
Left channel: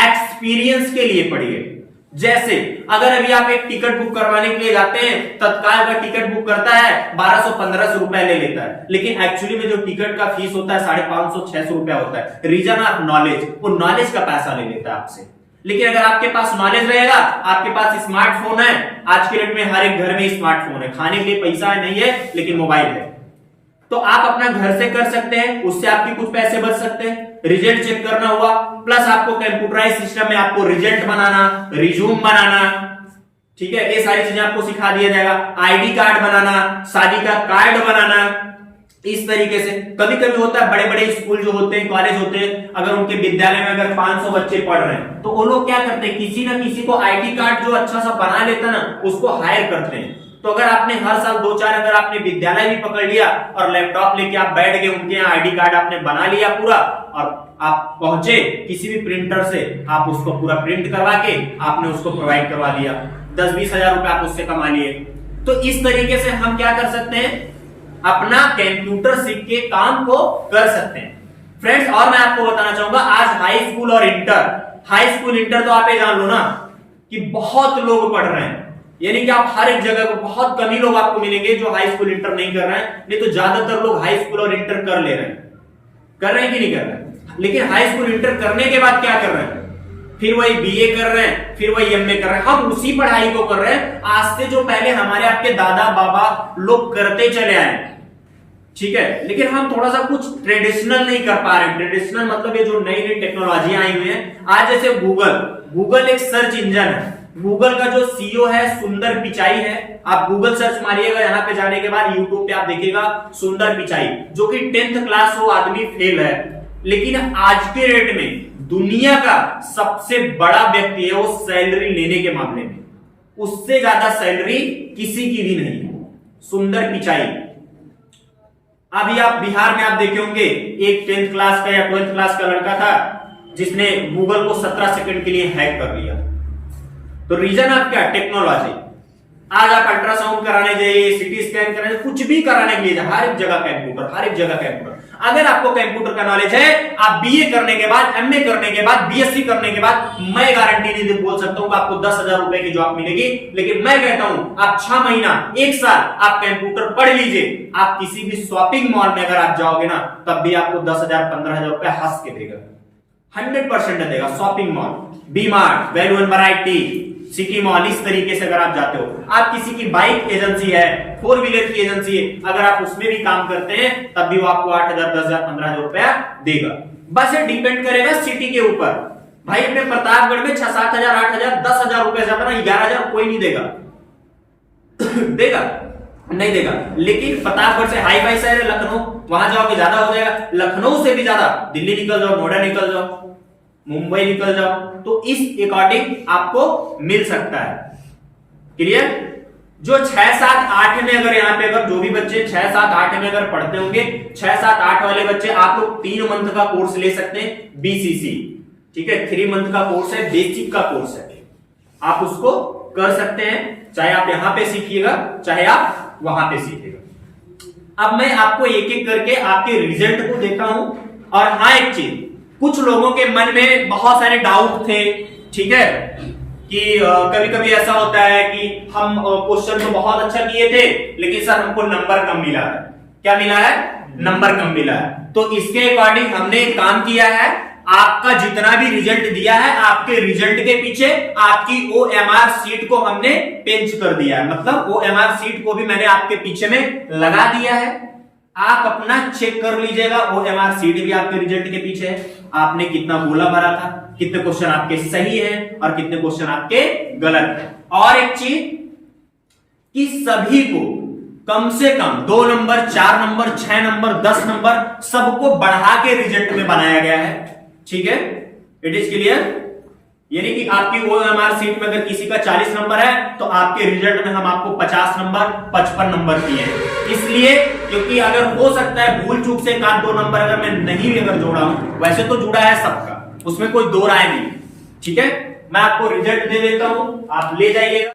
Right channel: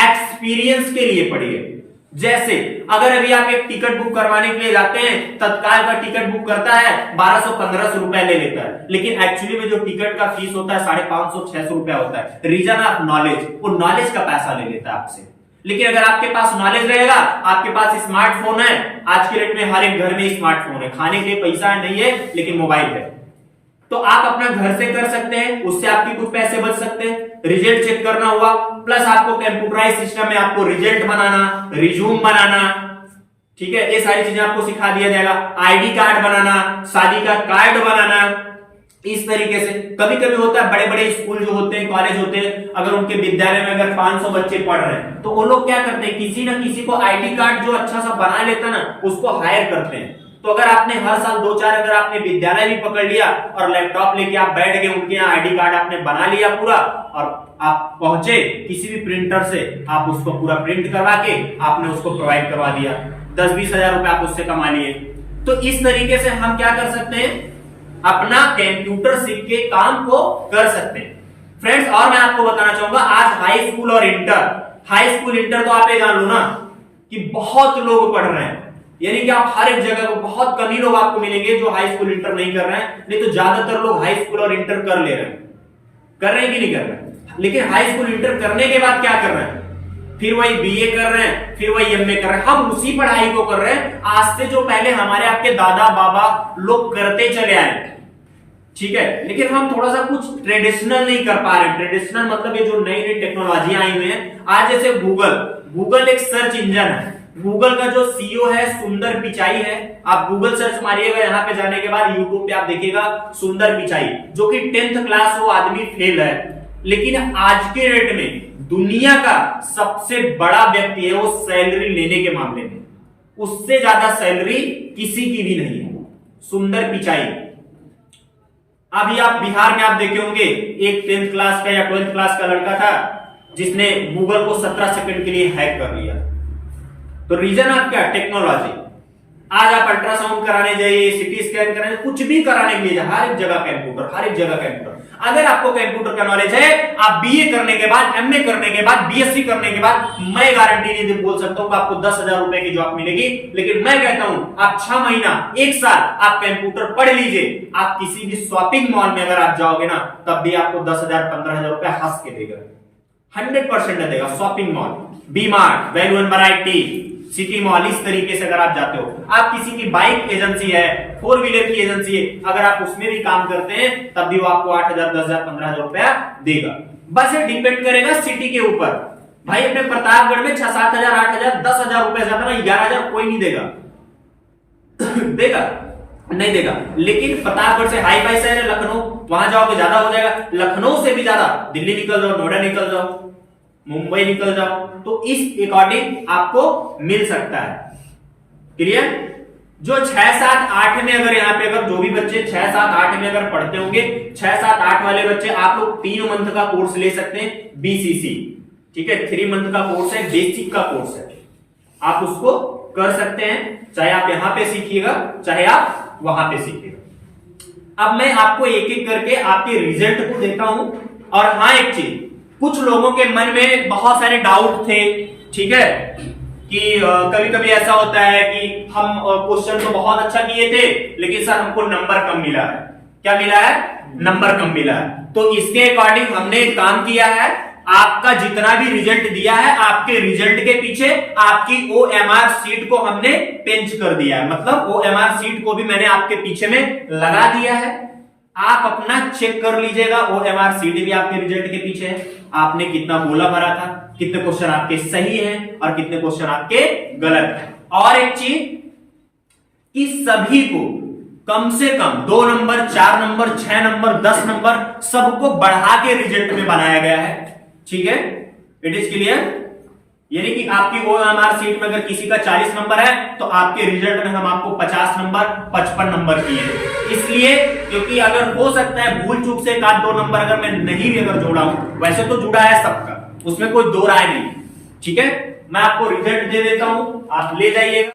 एक्सपीरियंस के लिए पढ़िए। जैसे अगर अभी आप एक टिकट बुक करवाने के लिए जाते हैं, तत्काल का टिकट बुक करता है 1200-1500 रुपए ले लेता है, लेकिन एक्चुअली में जो टिकट का फीस होता है 550-600 रुपया होता है। रीजन ऑफ नॉलेज, वो नॉलेज का पैसा ले लेता है आपसे। लेकिन अगर आपके पास नॉलेज रहेगा, आपके पास स्मार्टफोन है, आज के डेट में हर एक घर में स्मार्टफोन है, खाने के लिए पैसा नहीं है लेकिन मोबाइल है, तो आप अपना घर से कर सकते हैं, उससे आपके कुछ पैसे बच सकते हैं। रिजल्ट चेक करना हुआ, प्लस आपको कंप्यूटराइज सिस्टम में आपको रिजल्ट बनाना, रिज्यूम बनाना, ठीक है, ये सारी चीजें आपको सिखा दिया जाएगा। आईडी कार्ड बनाना, शादी का कार्ड बनाना, इस तरीके से कभी कभी होता है, बड़े बड़े स्कूल जो होते हैं, कॉलेज होते हैं, अगर उनके विद्यालय में अगर 500 बच्चे पढ़ रहे हैं तो वो लोग क्या करते हैं, किसी ना किसी को आईडी कार्ड जो अच्छा सा बना लेता ना उसको हायर करते हैं। तो अगर आपने हर साल 2-4 अगर आपने विद्यालय भी पकड़ लिया और लैपटॉप लेके आप बैठ गए, उनके यहाँ आईडी कार्ड आपने बना लिया पूरा, और आप पहुंचे किसी भी प्रिंटर से, आप उसको पूरा प्रिंट करवा के आपने उसको प्रोवाइड करवा दिया, 10-20 हजार रुपए आप उससे कमा लिए। तो इस तरीके से हम क्या कर सकते हैं, अपना कंप्यूटर सीख के काम को कर सकते हैं फ्रेंड्स। और मैं आपको बताना चाहूंगा, आज हाई स्कूल और इंटर तो आप ये जान लो ना कि बहुत लोग पढ़ रहे हैं, यानी कि आप हर एक जगह को, बहुत कम ही लोग आपको मिलेंगे जो हाई स्कूल इंटर नहीं कर रहे हैं, नहीं तो ज्यादातर लोग हाई स्कूल और इंटर कर ले रहे हैं। कर रहे हैं कि नहीं कर रहे हैं? लेकिन हाई स्कूल इंटर करने के बाद क्या कर रहे हैं, फिर वही बीए कर रहे हैं, फिर वही एमए कर रहे हैं। हम उसी पढ़ाई को कर रहे हैं आज से जो पहले हमारे आपके दादा बाबा लोग करते चले आए, ठीक है। लेकिन हम थोड़ा सा कुछ ट्रेडिशनल नहीं कर पा रहे हैं। ट्रेडिशनल मतलब ये जो नई नई टेक्नोलॉजी आई हुई है आज, जैसे गूगल एक सर्च इंजन है। गूगल का जो सीईओ है सुंदर पिचाई है, आप गूगल सर्च मारिएगा, यहाँ पे जाने के बाद यूट्यूब पे आप देखिएगा सुंदर पिचाई, जो कि 10th क्लास वो आदमी फेल है, लेकिन आज के रेट में दुनिया का सबसे बड़ा व्यक्ति है। वो सैलरी लेने के मामले में उससे ज्यादा सैलरी किसी की भी नहीं है, सुंदर पिचाई। अभी आप बिहार में आप देखे होंगे एक 10th क्लास का या 12th क्लास का लड़का था जिसने गूगल को 17 सेकंड के लिए हैक कर लिया। तो रीजन आप क्या, टेक्नोलॉजी। आज आप अल्ट्रासाउंड कराने जाइए, सिटी स्कैन कराने, कुछ भी कराने के लिए हर एक जगह कंप्यूटर, हर एक जगह कंप्यूटर। अगर आपको कंप्यूटर का नॉलेज है, आप बीए करने के बाद, एमए करने के बाद, बीएससी करने के बाद, मैं गारंटी नहीं बोल सकता हूं आपको 10,000 रुपए की जॉब मिलेगी, लेकिन मैं कहता हूं आप 6 महीना 1 साल आप कंप्यूटर पढ़ लीजिए, आप किसी भी शॉपिंग मॉल में अगर आप जाओगे ना तब भी आपको 10,000 15,000 रुपए हंस के देगा, 100% देगा। Shopping mall, V Mart, value and variety, city mall, इस तरीके से अगर आप जाते हो, आप किसी की बाइक एजेंसी है, 4 व्हीलर की एजेंसी है, अगर आप उसमें भी काम करते हैं तब भी वो आपको 8,000 10,000 15,000 रुपया देगा। बस ये डिपेंड करेगा सिटी के ऊपर। भाई अपने प्रतापगढ़ में 6-7 हजार 8,000 10,000 रुपया ज्यादा ना 11,000 कोई नहीं देगा देगा नहीं देगा। लेकिन प्रतापगढ़ से हाई फाई शहर है लखनऊ, वहां जाओगे ज्यादा हो जाएगा। लखनऊ से भी ज्यादा दिल्ली निकल जाओ, नोएडा निकल जाओ, मुंबई निकल जाओ, तो इस अकॉर्डिंग आपको मिल सकता है। क्लियर? जो 6-7-8 में अगर यहाँ पे अगर जो भी बच्चे 6-7-8 में अगर पढ़ते होंगे, 6-7-8 वाले बच्चे आप लोग 3 मंथ का कोर्स ले सकते हैं, बीसीसी, ठीक है। 3 मंथ का कोर्स है, बेसिक का कोर्स है, आप उसको कर सकते हैं, चाहे आप यहां पे सीखिएगा चाहे आप वहां पे सीखिएगा। अब मैं आपको एक एक करके आपके रिजल्ट को देता हूं। और हाँ, एक चीज, कुछ लोगों के मन में बहुत सारे डाउट थे, ठीक है, कि कभी कभी ऐसा होता है कि हम क्वेश्चन तो बहुत अच्छा किए थे लेकिन सर हमको नंबर कम मिला है। क्या मिला है? नंबर कम मिला है। तो इसके अकॉर्डिंग हमने एक काम किया है, आपका जितना भी रिजल्ट दिया है, आपके रिजल्ट के पीछे आपकी OMR सीट को हमने पेंच कर दिया है, मतलब OMR सीट को भी मैंने आपके पीछे में लगा दिया है। आप अपना चेक कर लीजिएगा, OMR सीट भी आपके रिजल्ट के पीछे है, आपने कितना बोला भरा था, कितने क्वेश्चन आपके सही हैं और कितने क्वेश्चन आपके गलत हैं। और एक चीज कि सभी को कम से कम 2 नंबर, 4 नंबर, 6 नंबर, 10 नंबर सबको बढ़ा के रिजल्ट में बनाया गया है, ठीक है। It is clear? यानी कि आपकी OMR सीट में अगर किसी का 40 नंबर है तो आपके रिजल्ट में हम आपको 50 नंबर 55 नंबर किए हैं। इसलिए क्योंकि अगर हो सकता है भूल चूक से 1-2 नंबर अगर मैं नहीं भी अगर जोड़ा हूं, वैसे तो जुड़ा है सबका, उसमें कोई दो राय नहीं, ठीक है। मैं आपको रिजल्ट दे देता हूं, आप ले जाइएगा।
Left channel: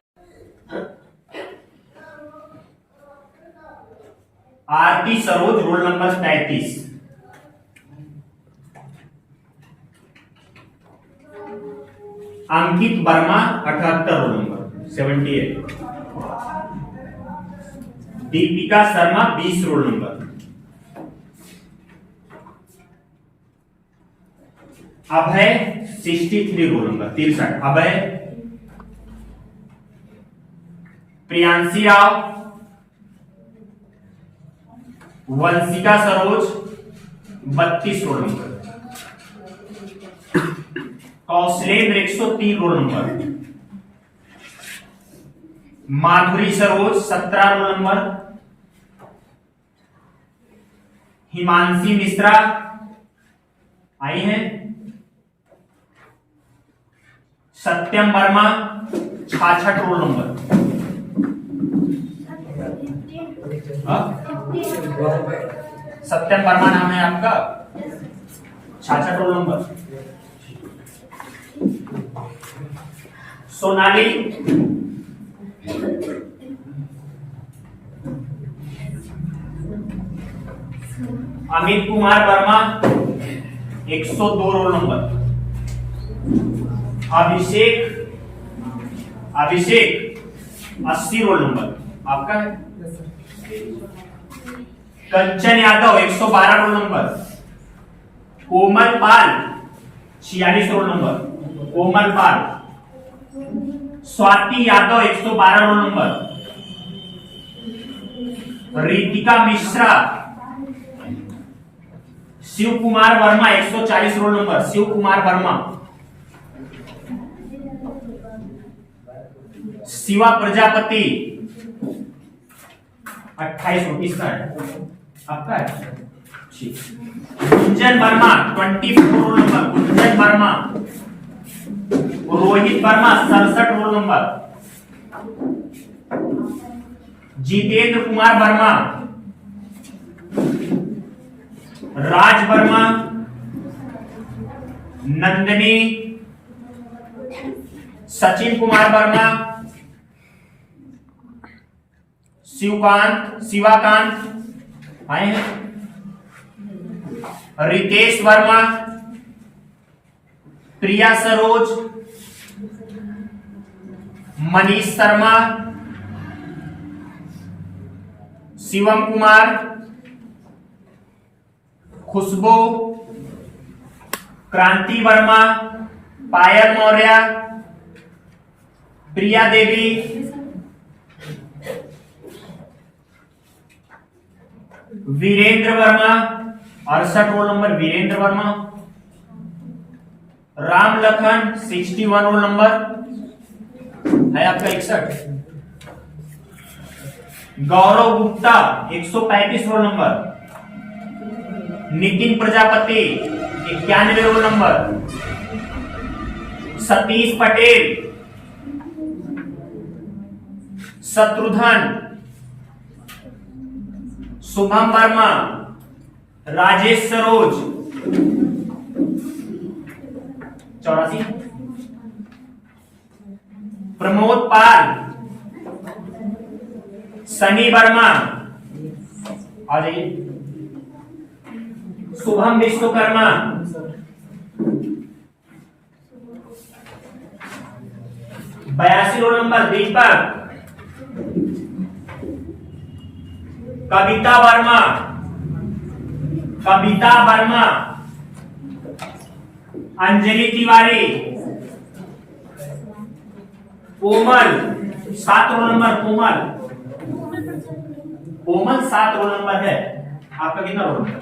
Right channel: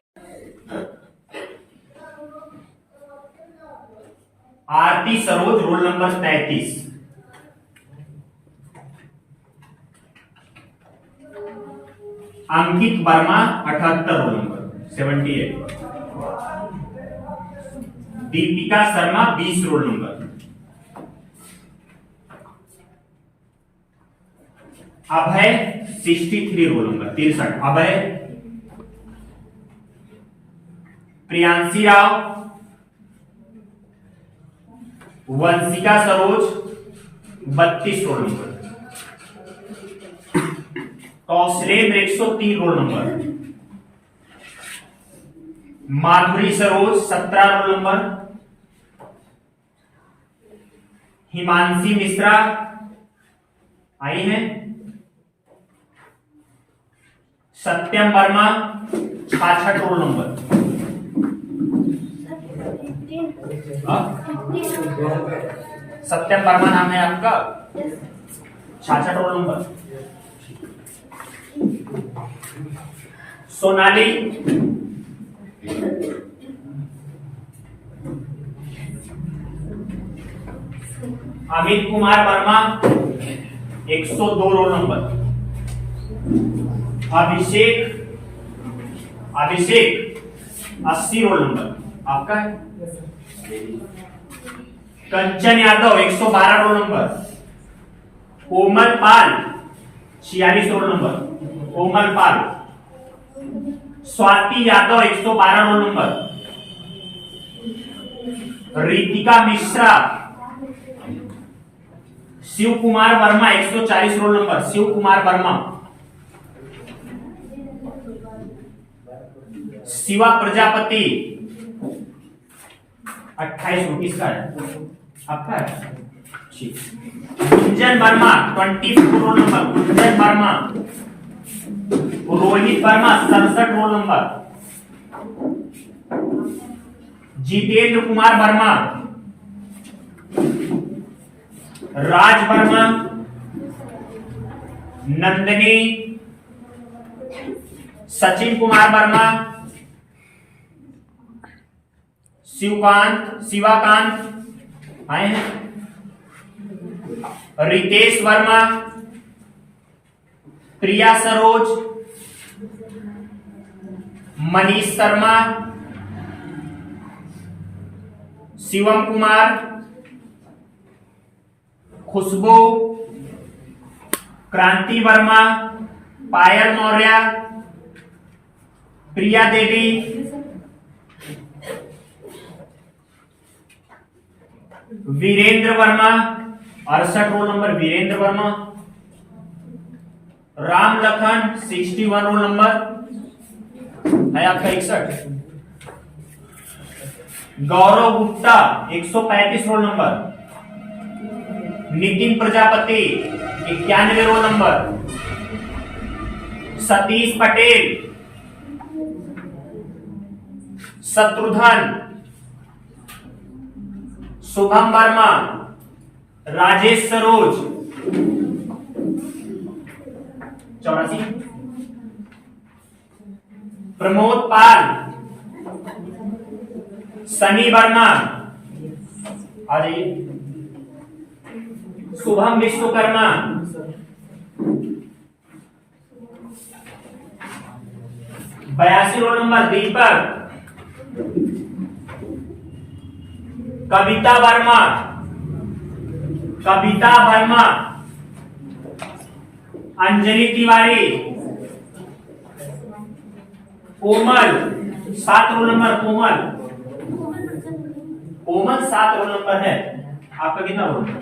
Aarti Saroj, roll number 33। Ankit Verma 78, roll number 78। Deepika Sharma 20, roll number. Abhay 63, roll number 63 Abhay. Priyanshi Rao, Vanshika Saroj 32, roll number. Kaushalendra 103, roll number. Madhuri Saroj 17, roll number. Himanshi Mishra आई हैं। Satyam Verma 66 roll number. सत्यम वर्मा नाम है आपका, 66 roll number. Sonali Amit Kumar Verma 102 roll number. Abhishek 80 roll number आपका है। Kanchan Yadav 112 roll number. Komal Pal 46 roll number. Komal Pal. Swati Yadav 112 roll number. Ritika Mishra. Shiv Kumar Verma 140 roll number. Shiv Kumar Verma. Shiva Prajapati 28 rupees का है आपका है। ठीक। Gunjan Verma 24 roll number. Gunjan Verma. Rohit Verma 67 roll number. Jitendra Kumar Verma. Raj Verma. Nandini. Sachin Kumar Verma. Shivakant आए हैं। रितेश वर्मा। प्रिया Saroj. Manish Sharma. Shivam Kumar. Khushboo. Kranti Verma. Payal Maurya. Priya Devi. Virendra Verma 68 roll number. Virendra Verma. Ram Lakhan 61 roll number है आपका 61। Gaurav Gupta 135 roll number. Nitin Prajapati 91 roll number. Satish Patel. Shatrughan. Shubham Verma. Rajesh Saroj 84। Pramod Pal. Sunny Verma आ जाइए। शुभम विश्वकर्मा। बयासी roll number. Deepak. Kavita Verma. Kavita Verma. Anjali Tiwari. Komal 7 roll number. Komal 7 roll number है आपका। कितना रोल नंबर?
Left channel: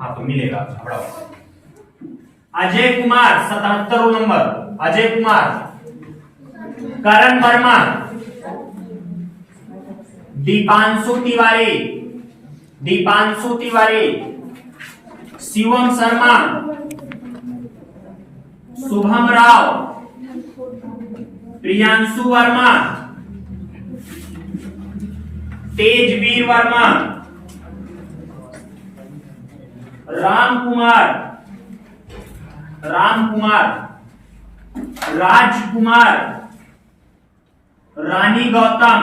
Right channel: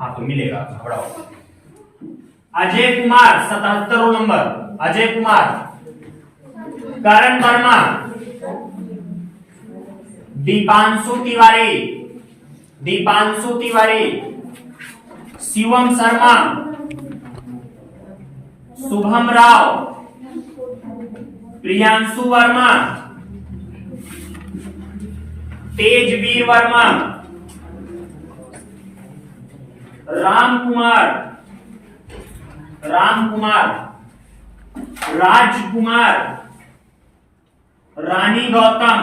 हाँ तो मिलेगा, घबराओ। Ajay Kumar 77 roll number. Ajay Kumar. Karan Verma. Deepanshu Tiwari. Deepanshu Tiwari. Shivam Sharma. Shubham Rao. Priyanshu Verma. Tejveer Verma. Ram Kumar. Rajkumar. Rani Gautam.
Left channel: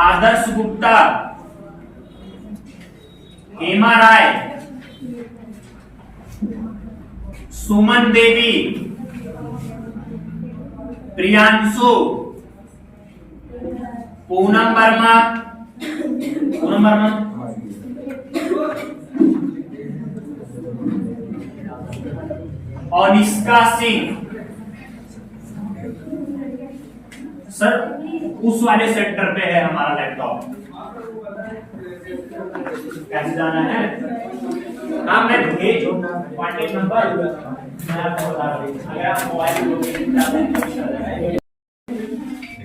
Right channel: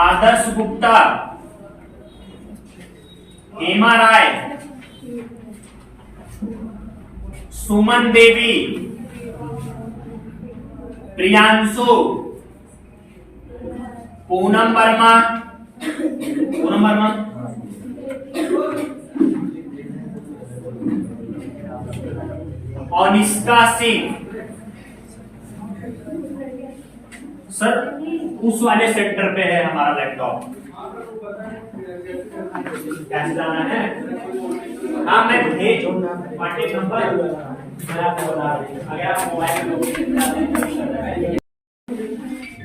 Adarsh Gupta. Hema Rai. Suman Devi. Priyanshu. Poonam Verma. Anishka Singh. Sir उस वाले सेंटर पे है हमारा लैपटॉप, कैसे जाना है? हाँ मैं भेज कॉन्टेक्ट नंबर मैं आपको बता रही हूँ। अगर आप mobile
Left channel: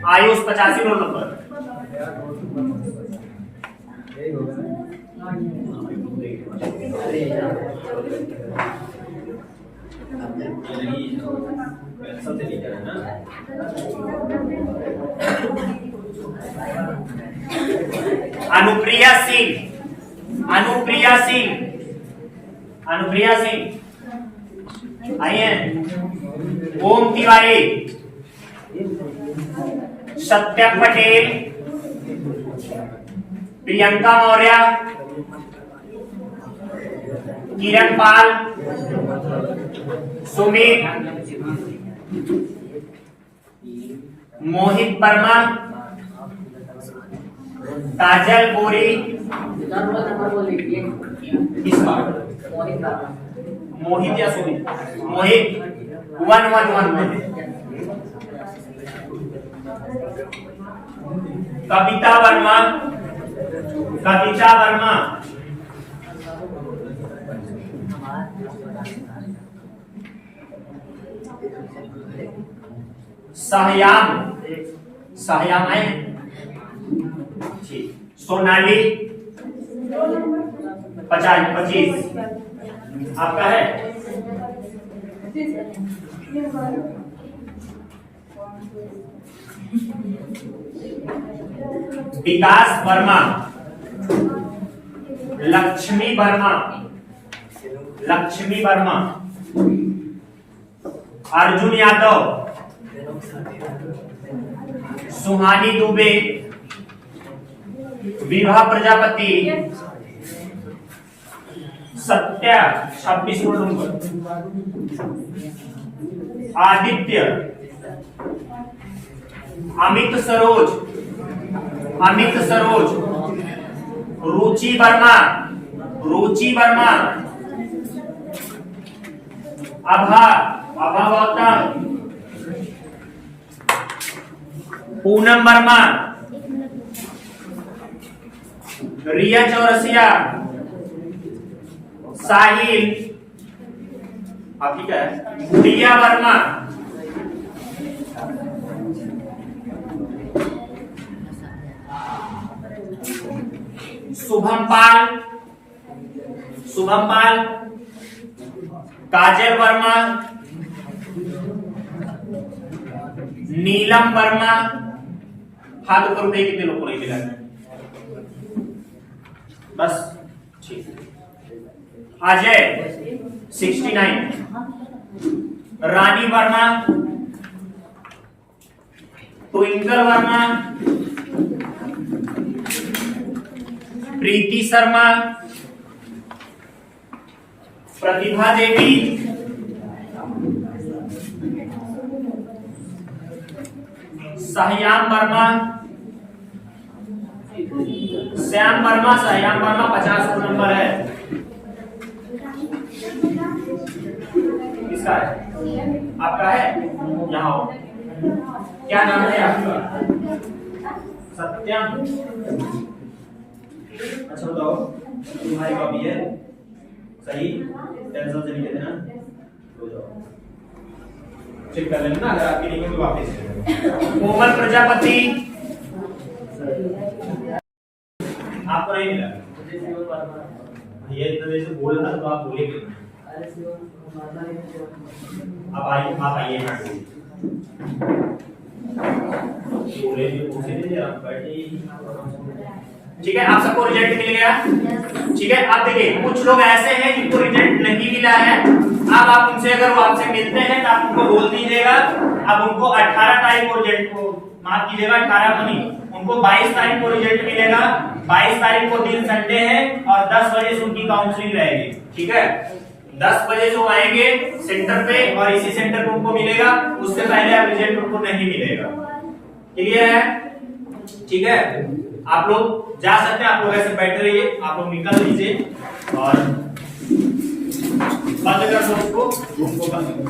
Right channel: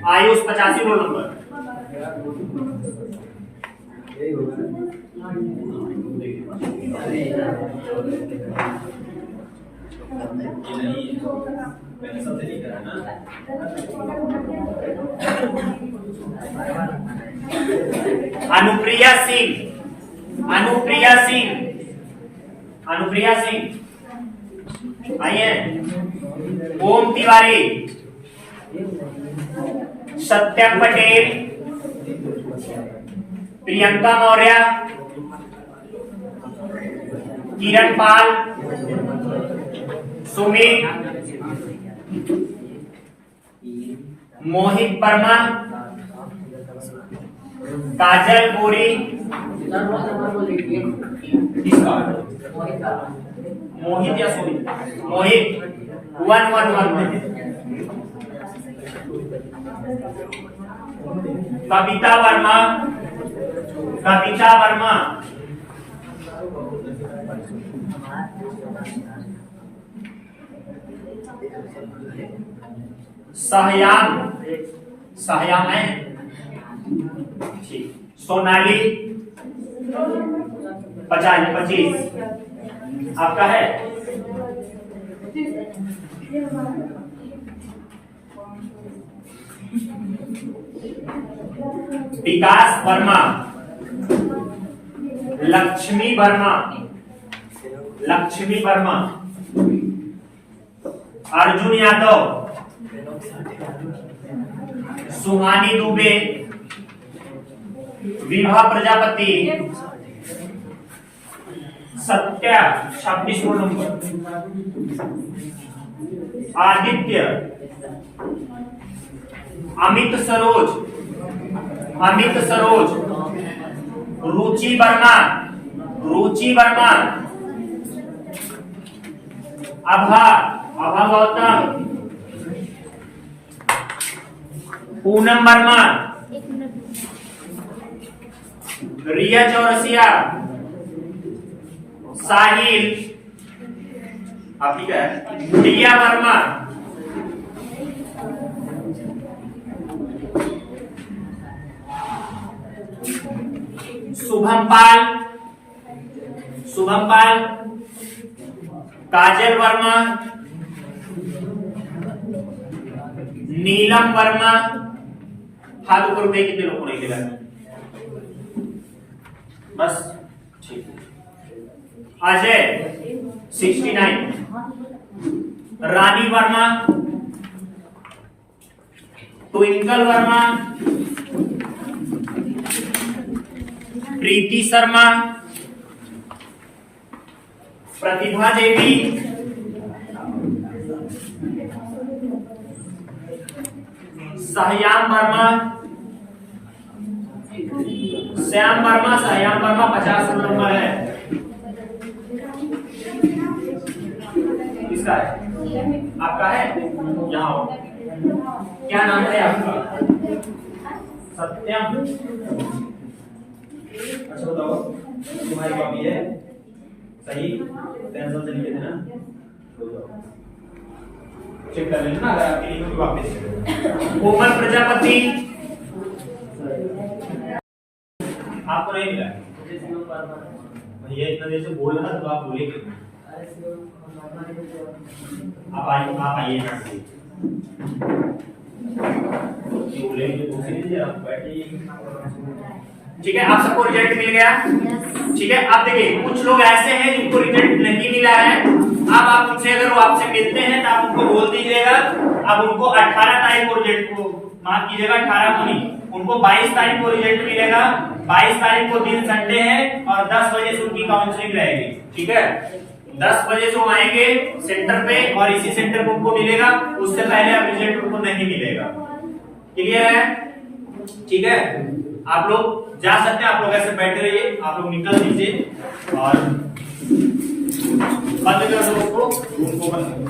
Ayush 85 roll number. Anupriya Singh, Anupriya Singh, Anupriya Singh आई है। ओम तिवारी, सत्यम पटेल, प्रियंका मौर्य, किरण पाल, सुमित, मोहित वर्मा, काजल गोरी, मोहित या सुमित, मोहित 111, कविता वर्मा, कविता वर्मा, सहयाम, सहयाम है ठीक। सोनाली 25 आपका है। विकास वर्मा, लक्ष्मी वर्मा, लक्ष्मी वर्मा, अर्जुन यादव, सुहानी दुबे, विभा प्रजापति, सत्या 26 नंबर, आदित्य, अमित सरोज, अमित सरोज, रुचि वर्मा, रुचि वर्मा, अभा, अभा गौतम, पूनम वर्मा, रिया चौरसिया, साहिल, आपकी क्या है, प्रिया वर्मा, शुभम पाल, शुभम पाल, काजल वर्मा, नीलम वर्मा। हाथ ऊपर उठाइए, कितने लोगों को नहीं मिला? बस ठीक। अजय 69, रानी वर्मा, ट्विंकल वर्मा, प्रीति शर्मा, प्रतिभा देवी, सहयाम वर्मा, श्याम वर्मा, श्याम वर्मा 50 नंबर है। किसका है? आपका है? यहाँ हो। क्या नाम है आपका? सत्यम। अच्छा बताओ, तुम्हारी कॉपी है सही? पेंसिल से लिखे थे ना? हो जाओ, चेक कर लेना अगर आपकी नहीं होगी वापस। कोमल प्रजापति, आपको नहीं मिला? ये इतना देर से बोल रहा तो आप बोले क्यों? आप आइए यहाँ से। ठीक है, आप सबको रिजल्ट मिल गया। ठीक है, आप देखिए कुछ लोग ऐसे हैं जिनको रिजल्ट नहीं मिला है। अब आप उनसे अगर वो आपसे मिलते हैं तो आप उनको बोल दीजिएगा। अब उनको 18 तारीख को रिजल्ट को माफ कीजिएगा, 18 को नहीं, उनको 22 तारीख को रिजल्ट मिलेगा। 22 तारीख को दिन संडे है और 10 बजे से उनकी काउंसलिंग रहेगी। ठीक है, 10 बजे से वो आएंगे सेंटर पे और इसी सेंटर पे उनको मिलेगा। उससे पहले अब रिजल्ट उनको नहीं मिलेगा। क्लियर है? ठीक है, आप लोग जा सकते हैं। आप लोग ऐसे बैठे रहिए, आप लोग निकल लीजिए और बंद कर दो उसको, रूम को बंद कर दो।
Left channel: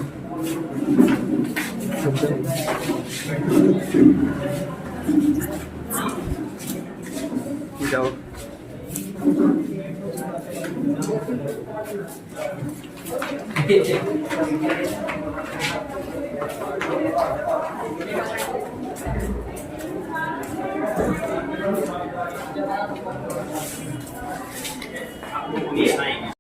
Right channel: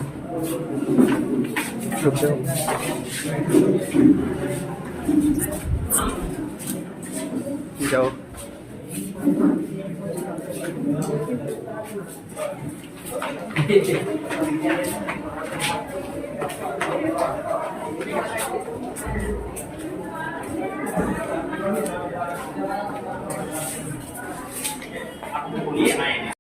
जाओ। तो बोलिए